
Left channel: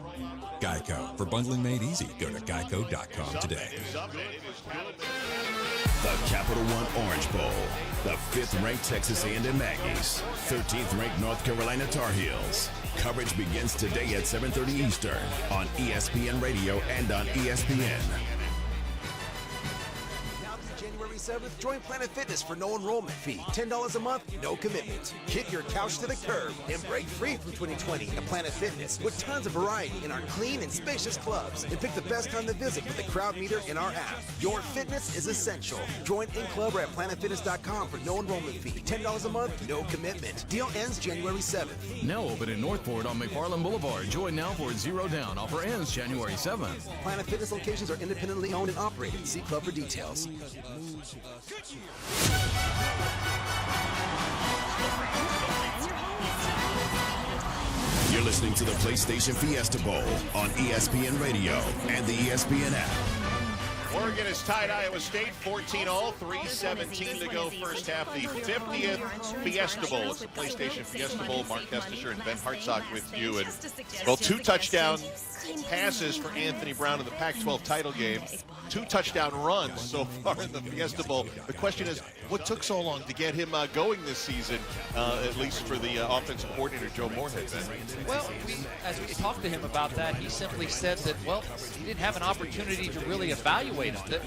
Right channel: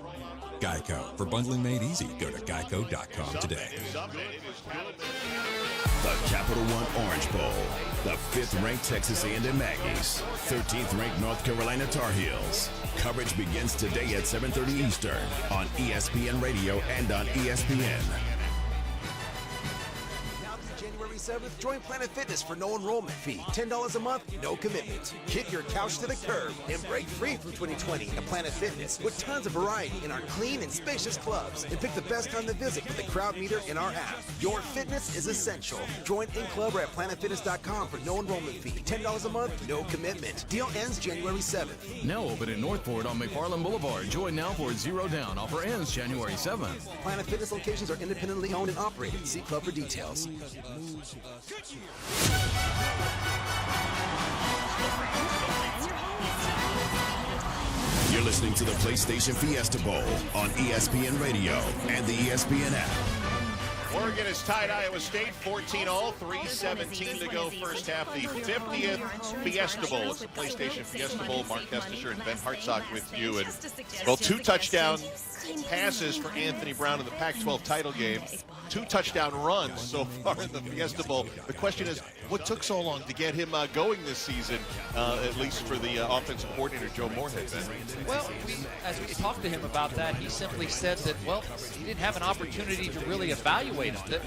Geico. For bundling made easy, go to geico.com today. The Capital One Orange Bowl. The 5th-ranked Texas A&M Aggies. 13th-ranked North Carolina Tar Heels. Coverage begins today at 7:30 Eastern on ESPN Radio and on ESPN. January 7th, join Planet Fitness for no enrollment fee. $10 a month, no commitment. Kick your couch to the curb and break free from 2020 at Planet Fitness with tons of variety in our clean and spacious clubs. And pick the best time to visit with the crowd meter in our app. Your fitness is essential. Join in club or at planetfitness.com for no enrollment fee. $10 a month, no commitment. Deal ends January 7th. Now open in Northport on McFarland Boulevard. Join now for $0 down. Offer ends January 7th. Planet Fitness locations are independently owned and operated. See club for details. You're listening to the PlayStation Fiesta Bowl on ESPN Radio and the ESPN app. Oregon has tied Iowa State 14-all, 3:17 to go first half. The 50th Fiesta Bowl. It's the PlayStation Fiesta Bowl. Mark Kestisher and Ben Hartsock with you. And, well, 2 touchdown passes for Anthony Brown in the Pac-12 title game. 2 touchdown runs so far in the Fiesta Bowl. The question is, what took so long to get him going this season, at least for the offensive coordinator, Joe Moorhead? Well, as we talked to him about that, he simply said that, well, he didn't have an opportunity to really evaluate him. That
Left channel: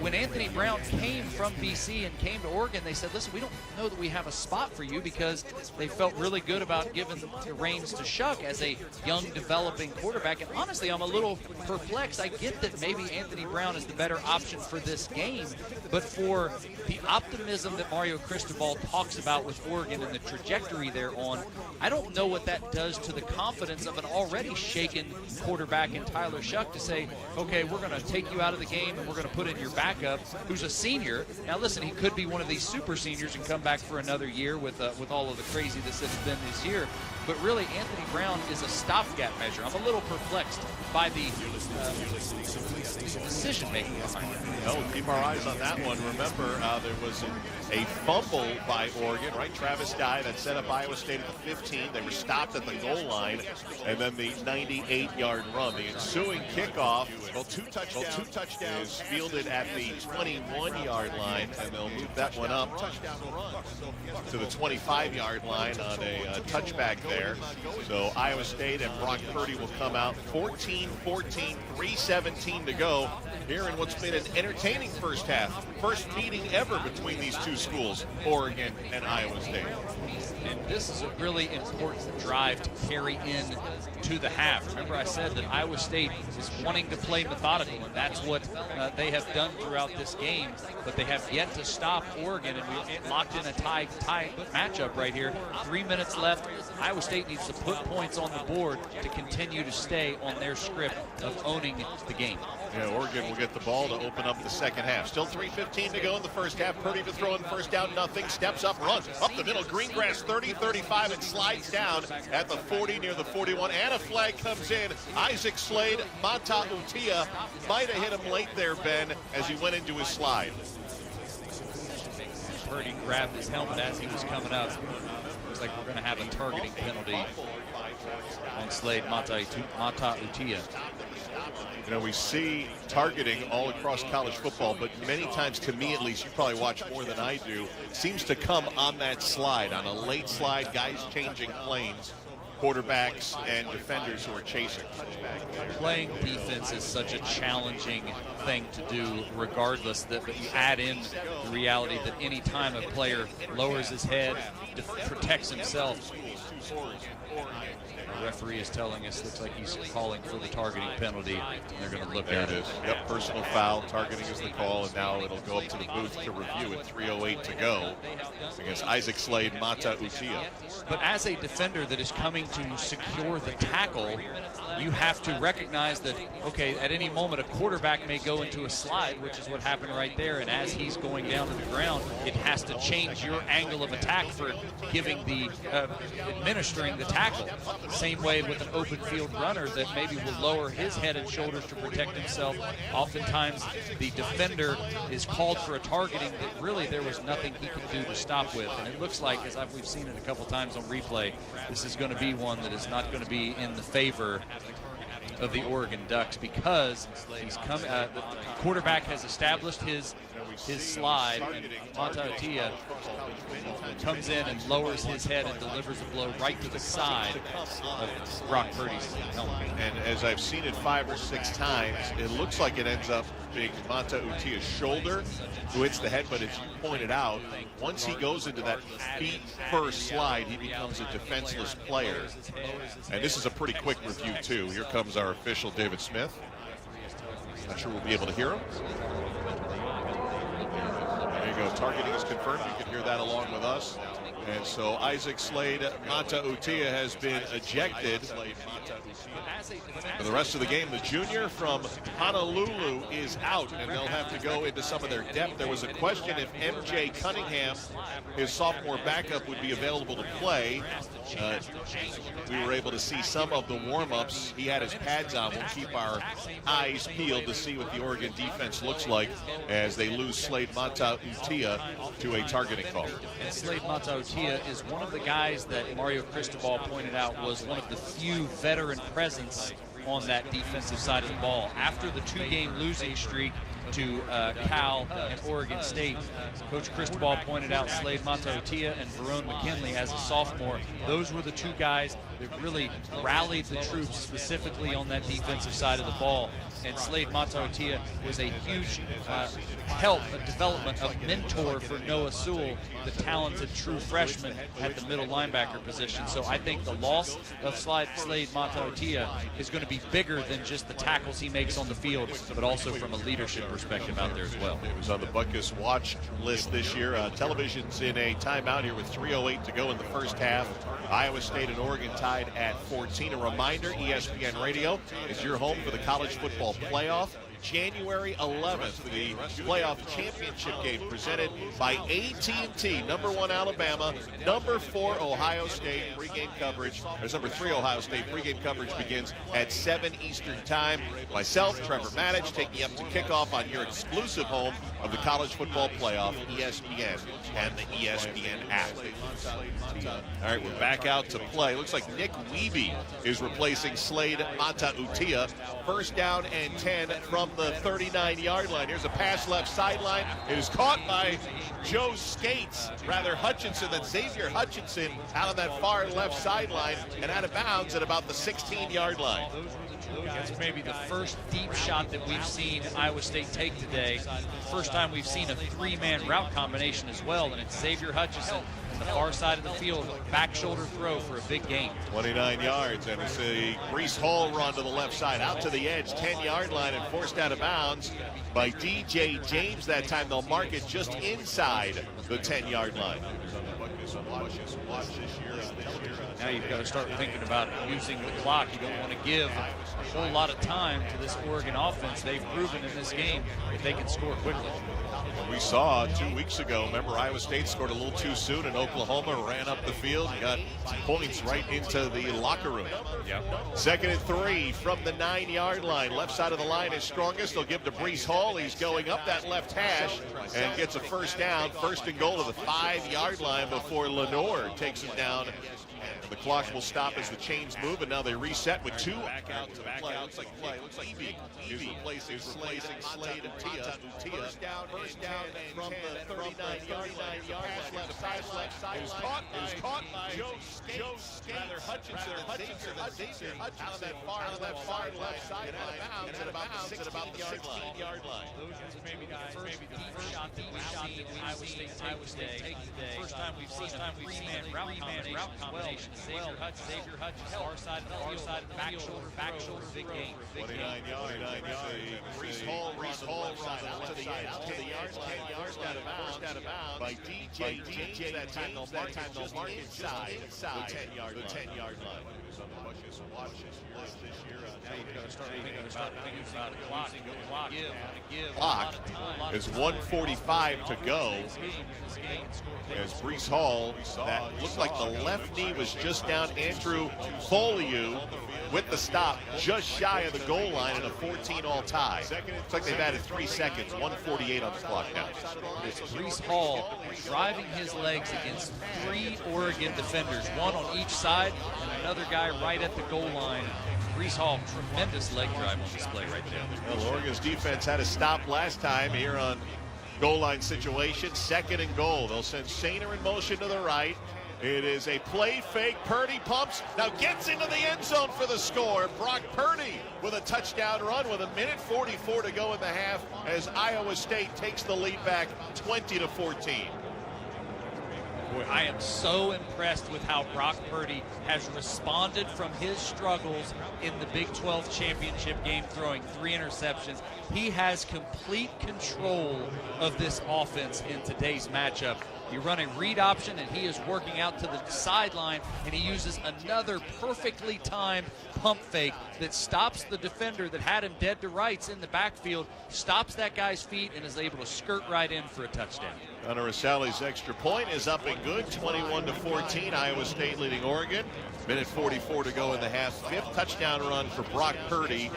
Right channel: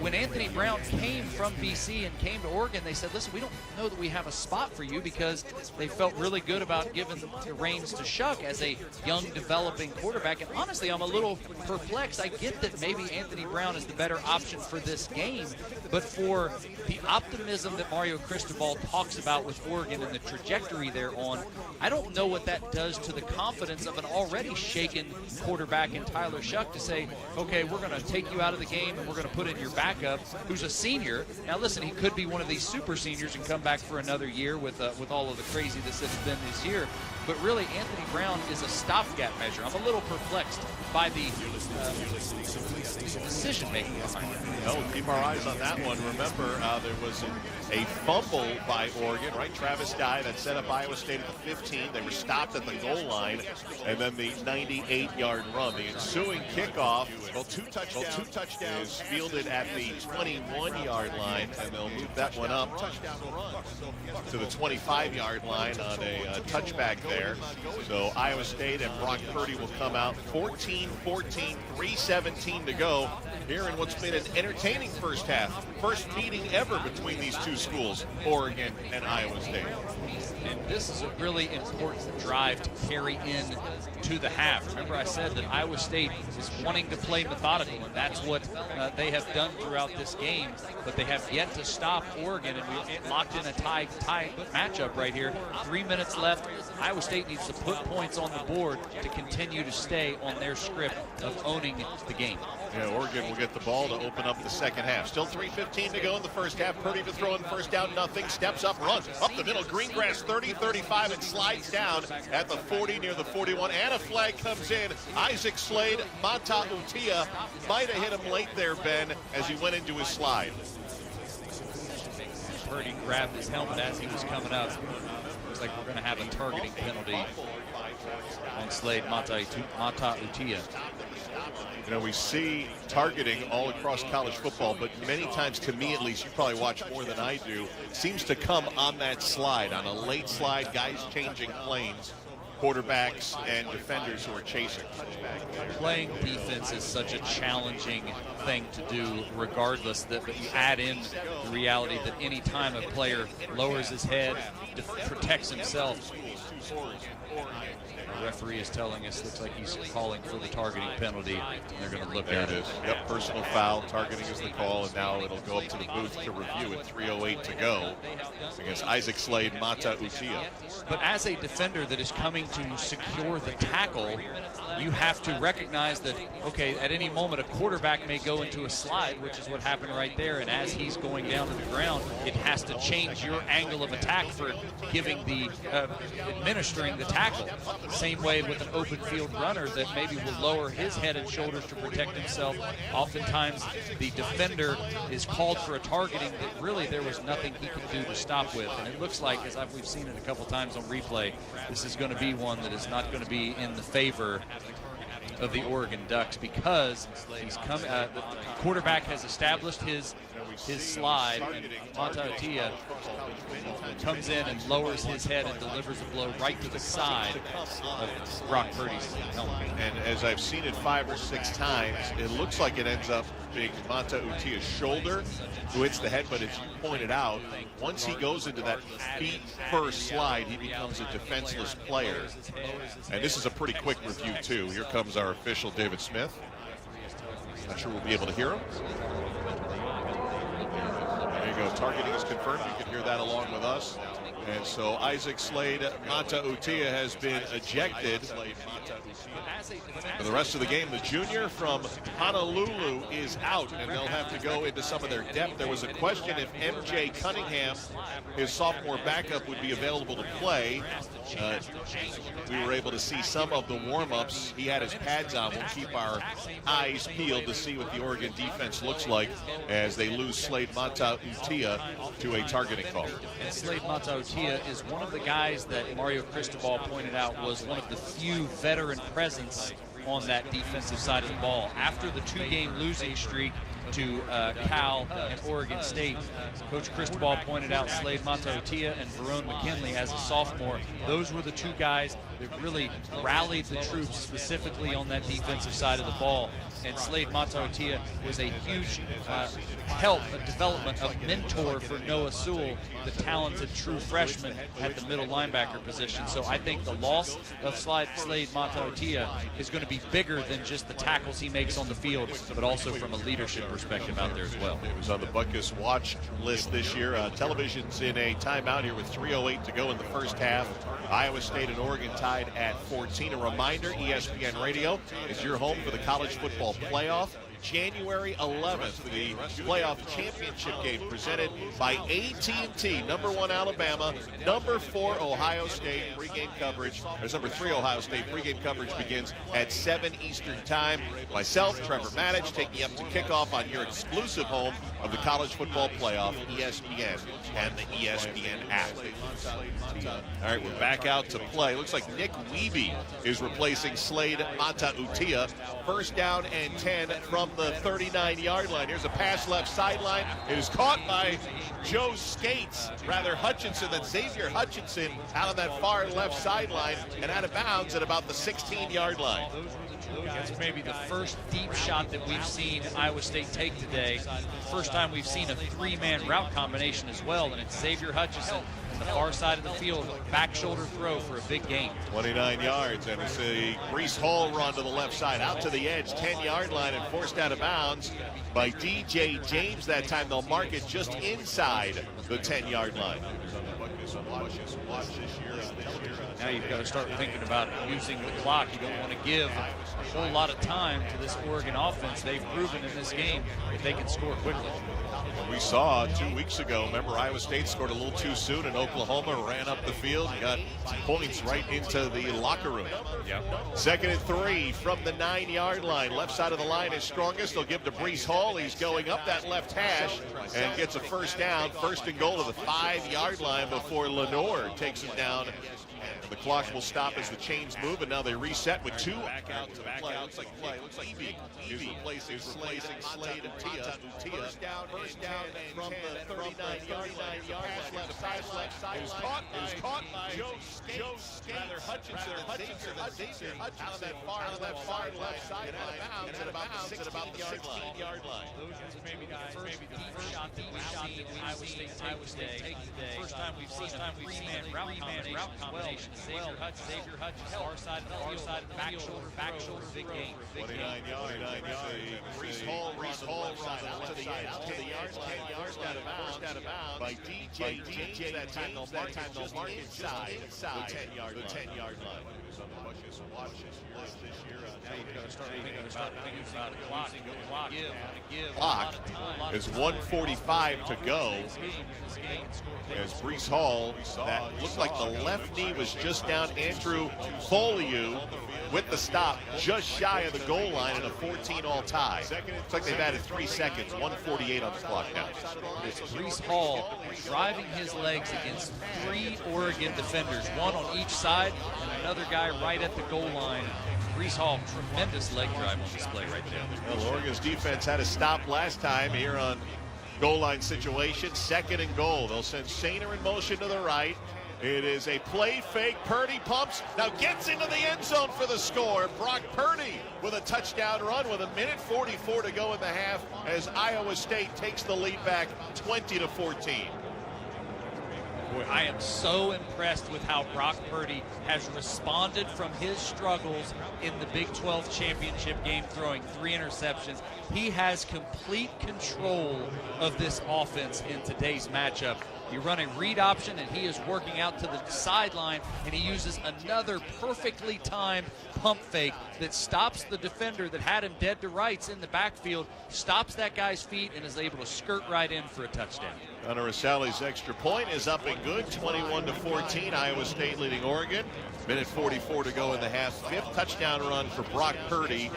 when Anthony Brown came from BC and came to Oregon, they said, listen, we don't know that we have a spot for you, because they felt really good about giving the reins to Shuck as a young, developing quarterback. And honestly, I'm a little perplexed. I get that maybe Anthony Brown is the better option for this game, but for the optimism that Mario Cristobal talks about with Oregon and the trajectory they're on, I don't know what that does to the confidence of an already shaken quarterback in Tyler Shuck to say, okay, we're going to take you out of the game and we're going to put in your backup, who's a senior. Now, listen, he could be one of these super seniors and come back for another year with all of the craziness that's been this year. But really, Anthony Brown is a stopgap measure. I'm a little perplexed by the decision-making behind it. No, keep our eyes on that one. Remember, there was a fumble by Oregon, right? Travis Dye that set up Iowa State at the 15. They were stopped at the goal line, and then the 98-yard run. The ensuing kickoff, two touchdowns, is fielded at the 21-yard line, and they'll move that one up to the 25-yard line on a touchback there. So Iowa State and Brock Purdy will come out 14-14, 3:17 to go here in what's been an entertaining first half. First meeting ever between these two schools, Oregon and Iowa State. And this is a really important drive to carry in to the half. Remember, I said that Iowa State is wanting to play methodical, and that's what they have done throughout this game. But they have yet to stop Oregon, and we locked in a tie matchup right here. 3 minutes left. Iowa State needs to put points on the board to continue to stay on their script of owning the game. Yeah, Oregon will get the ball to open up the second half. Still 3:15 to go in the first half. Purdy to throw in first down, nothing. Steps up, runs up the middle. Greengrass 30-35 and slides down at the 40 near the 41. And a flag comes in. Isaac Slade, Mata Utia might have hit him late there, Ben, as he went into his slide. Purdy grabbed his helmet as he was coming up. Looks like we're going to have a targeting penalty on Slade Mata Utia. You know, we see targeting all across college football, but many times, to me at least, you probably watch more than I do, seems to come on that slide, on a late slide, guys changing planes, quarterbacks and defenders who are chasing. Playing defense is such a challenging thing to do, regardless, but you add in the reality that any time a player lowers his head, protects himself. The referee is telling us, looks like he's calling for the targeting penalty, and they're going to look at it. There it is. Yep, personal foul. Targeting is the call, and now it'll go up to the booth to review at 3:08 to go against Isaac Slade, Mata Utia. But as a defender that is coming to secure the tackle, you have to recognize that, okay, at any moment a quarterback may go into a slide, which is what happened right there, and as he's going down to the ground, it has to change your angle of attack for giving the administering the tackle. Same way with an open field runner that maybe will lower his head and shoulders to protect himself. Oftentimes the defender is called for a targeting that really there was nothing he could do to stop with. And it looks like, as we've seen it a couple times on replay, this is going to be one that is not going to be in the favor of the Oregon Ducks, because he's come. The quarterback has established his slide, and Mata Utia comes in and lowers his head and delivers a blow right to the side of Brock Purdy's helmet. And as I've seen it 5 or 6 times, it looks like it ends up being Mata Utia's shoulder who hits the head, but as you pointed out, once he goes into that feet first slide, he becomes a defenseless player. And this is a pretty quick review too. Here comes our official, David Smith. Not sure we'll be able to hear him. There you go. Targeting is confirmed. You can hear that along with us. And so Isaac Slade, Mata Utia has been ejected. For the rest of the game, the junior from Honolulu is out, and they'll have to go into some of their depth. There was a question if MJ Cunningham, his sophomore backup, would be available to play. We were able to see some of the warm-ups. He had his pads on. We'll keep our eyes peeled to see what the Oregon defense looks like as they lose Slade Mata Utia to a targeting call. And Slade Mata Utia is one of the guys that Mario Cristobal pointed out was one of the few veteran presence on that defensive side of the ball. After the 2-game losing streak to Cal and Oregon State, Coach Cristobal pointed out Slade Mata Utia and Verone McKinley as a sophomore. Those were the two guys that really rallied the troops specifically on that defensive side of the ball. And Slade Mata Utia was a huge help, a development, a mentor for Noah Sewell, the talented true freshman at the middle linebacker position. So I think the loss of Slade Mata Utia is going to be bigger than just the tackles he makes on the field, but also from a leadership perspective out there as well. It was on the Butkus watch list this year. Television's in a timeout here with 3:08 to go in the first half. Iowa State and Oregon tied at 14. A reminder, ESPN Radio is your home for the college football playoff. January 11th, the playoff championship game presented by AT&T. Number 1 Alabama, number 4 Ohio State. Pregame coverage, there's number 3 Ohio State. Pregame coverage begins at 7 Eastern Time. Myself, Trevor Maddich, taking you up to kickoff on your exclusive home of the College Football Playoff, ESPN, and the ESPN app. All right, we're back out to play. Looks like Nick Wiebe is replacing Slade Mata-Utia. First down and 10 from the 39-yard line. Here's a pass left sideline. It is caught by Joe Skates, rather Hutchinson, than Xavier Hutchinson out on that far left sideline and out of bounds at about the 16-yard line. That's maybe the first deep shot that we've seen Iowa State take today. First time we've seen a 3-man route combination as well, and it's Xavier Hutchinson on the far side of the field, back shoulder throw for a big gain. 29 yards, and it's a Brees Hall run to the left side, out to the edge, 10-yard line, and forced out of bounds by DJ James. That time they'll mark it just inside the 10-yard line. Now you've got to start thinking about using the clock. You don't want to give a whole lot of time to this Oregon offense. They've proven in this game that they can score quickly. We saw 2 weeks ago, remember, Iowa State scored a little too soon, and Oklahoma ran up the field and got points right into the locker room. Yep. 2nd and 3 from the 9-yard line. Left side of the line is strongest. They'll give to Brees Hall. He's going up that left hash and gets a first down. 1st and goal to the 5-yard line before Lenore takes it down. And the clock will stop as the chains move, and now they reset with 2 back out to play. Looks like Wiebe is replacing Slade and Tia. First down from the 39-yard line. Left side. It is caught by Joe Skates. Rather Hutchinson out of that far left side and out of bounds at about the 16-yard line. Those maybe the first deep shot that we've seen Iowa State take today. First time we've seen a 3-man route combination. Xavier Hutchinson, far side of the field, back shoulder, big gain. 29 yards. Brees Hall out to the edge, to the yard line, forced out of bounds by DJ James. That time they'll mark inside the 10-yard line. Clock is 1:45 to go. As Brees Hall, that looked like the left knee was just down. Andrew Foley with the stop just shy of the goal line in a 14-all tie. Looks like they've added 3 seconds, 1:48 on the clock now. It's Brees Hall driving his legs against 3 Oregon defenders, one on each side and another guy right at the goal line. Brees Hall, tremendous leg drive on display right there. Well, Oregon's defense had a stop last time here on goal line situation. 2nd and goal. They'll send Sainer in motion to the right. It is a play fake. Purdy pumps, now gets into the end zone for the score. Brock Purdy with a touchdown run with 1:44 to go in the half as Iowa State takes the lead back 20-14. Boy, I am so impressed with how Brock Purdy has responded from his struggles in the Big 12 championship game, throwing 3 interceptions. He has complete control of this offense in today's matchup. You run a read option, and he is working out to the sideline, and he uses another perfectly timed pump fake that stops the defender that had him dead to rights in the backfield, stops that guy's feet, and is able to skirt right in for a touchdown. Hunter Asali's extra point is up and good, 21-14. Iowa State leading Oregon. 1:44 to go in the half. 5th touchdown run for Brock Purdy.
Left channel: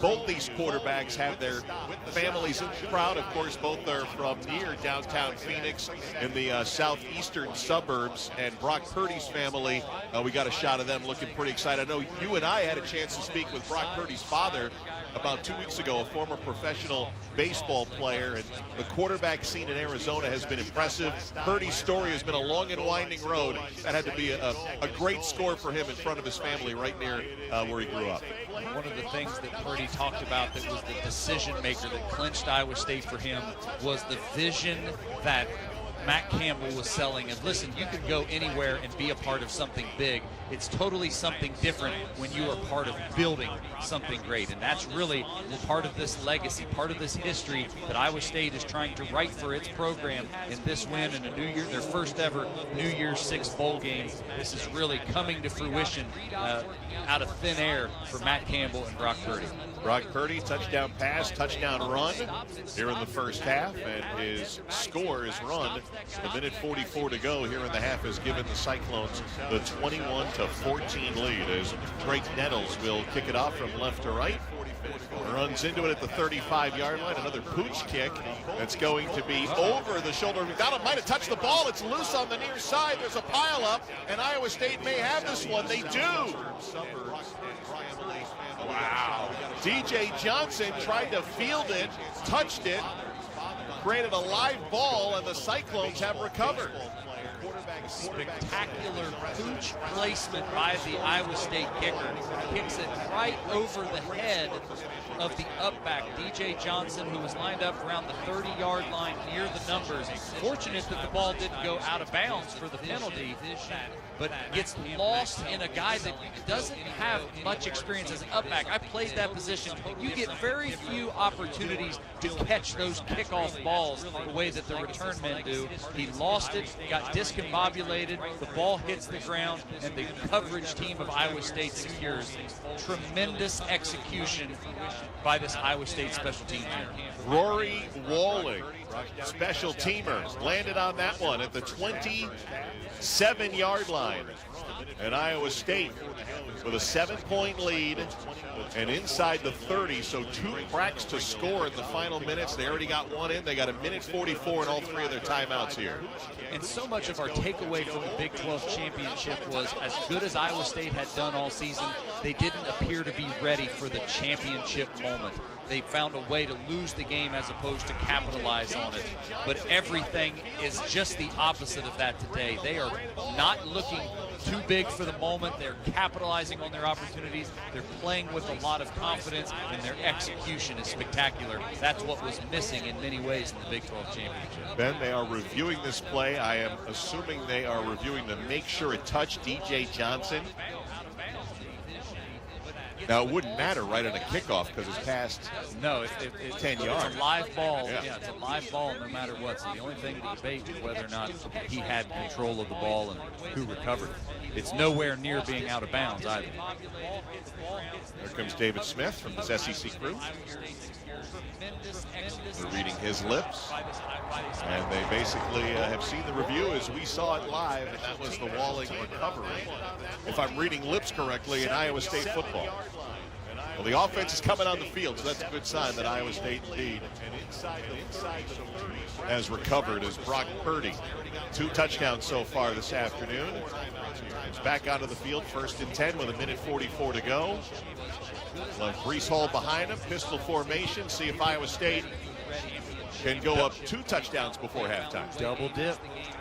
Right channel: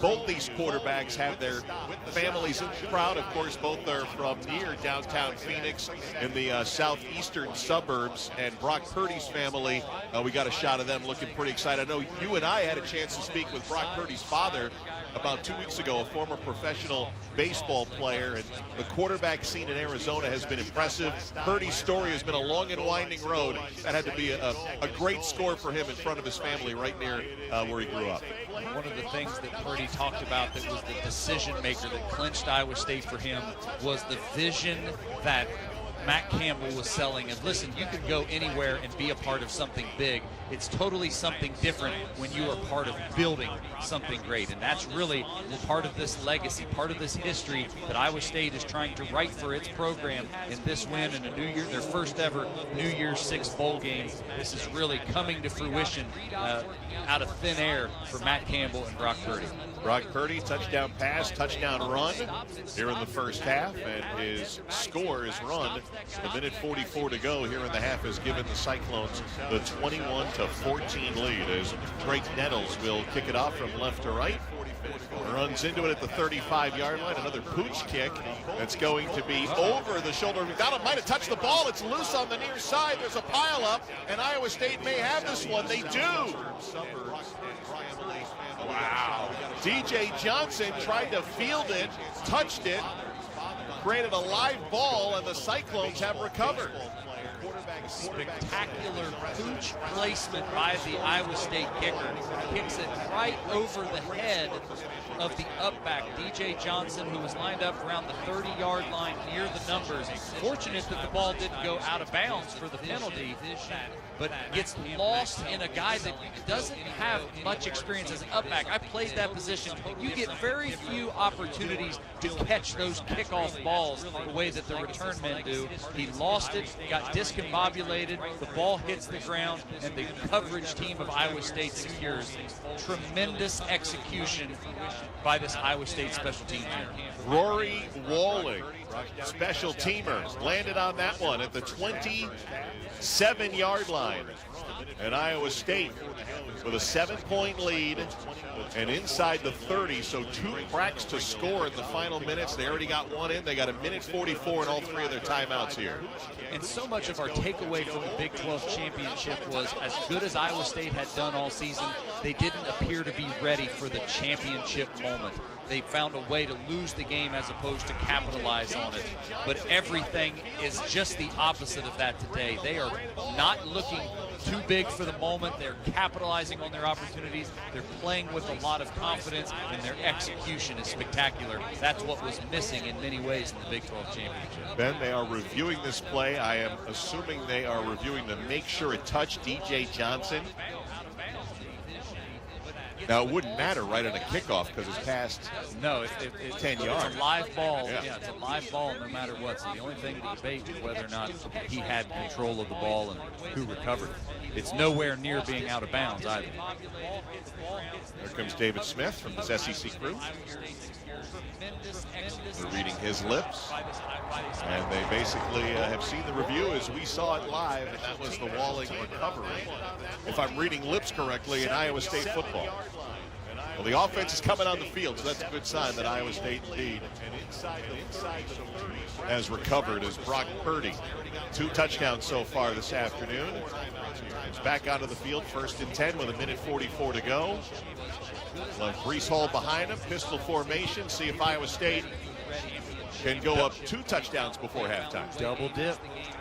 Both these quarterbacks have their families in the crowd. Of course, both are from near downtown Phoenix in the southeastern suburbs. And Brock Purdy's family, we got a shot of them looking pretty excited. I know you and I had a chance to speak with Brock Purdy's father about 2 weeks ago, a former professional baseball player, and the quarterback scene in Arizona has been impressive. Purdy's story has been a long and winding road. That had to be a great score for him in front of his family right near where he grew up. One of the things that Purdy talked about that was the decision maker that clinched Iowa State for him was the vision that Matt Campbell was selling. And listen, you can go anywhere and be a part of something big. it's totally something different when you are part of building something great. And that's really part of this legacy, part of this history that Iowa State is trying to write for its program in this win in their first ever New Year's Six bowl game. This is really coming to fruition out of thin air for Matt Campbell and Brock Purdy. Brock Purdy, touchdown pass, touchdown run here in the first half, and his score is run. A minute 44 to go here in the half has given the Cyclones the 21-14 lead as Drake Nettles will kick it off from left to right. Runs into it at the 35-yard line. Another pooch kick that's going to be over the shoulder. McDonald might have touched the ball. It's loose on the near side. There's a pileup, and Iowa State may have this one. They do. Wow. DJ Johnson tried to field it, touched it, created a live ball, and the Cyclones have recovered. Spectacular pooch placement by the Iowa State kicker. Kicks it right over the head of the upback, DJ Johnson, who was lined up around the 30-yard line near the numbers. Fortunate that the ball didn't go out of bounds for the penalty, but gets lost in a guy that doesn't have much experience as an upback. I played that position. You get very few opportunities to catch those kickoff balls the way that the return men do. He lost it, got discombobulated, the ball hits the ground, and the coverage team of Iowa State secures. Tremendous execution by this Iowa State special team team. Rory Walling, special teamer, landed on that one at the 27-yard line. And Iowa State with a 7-point lead and inside the 30, so 2 cracks to score in the final minutes. They already got one in. They got a minute 44 in all 3 of their timeouts here. And so much of our takeaway from the Big 12 championship was, as good as Iowa State had done all season, they didn't appear to be ready for the championship moment. They found a way to lose the game as opposed to capitalize on it. But everything is just the opposite of that today. They are not looking too big for the moment. They're capitalizing on their opportunities. They're playing with a lot of confidence, and their execution is spectacular. That's what was missing in many ways in the Big 12 championship. Ben, they are reviewing this play. I am assuming they are reviewing to make sure it touched DJ Johnson. Now, it wouldn't matter right on a kickoff because it's past 10 yards. It's a live ball. Yeah, it's a live ball no matter what. So the only thing to debate is whether or not he had control of the ball and who recovered. It's nowhere near being out of bounds either. There comes David Smith from this SEC crew. They're reading his lips. And they basically have seen the review as we saw it live, and that was the Walling recovery, if I'm reading lips correctly, in Iowa State football. Well, the offense is coming on the field, so that's a good sign that Iowa State indeed has recovered as Brock Purdy. 2 touchdowns so far this afternoon. He's back onto the field, 1st and 10 with a minute 44 to go. We'll have Breece Hall behind him, pistol formation, see if Iowa State can go up 2 touchdowns before halftime. Double dip.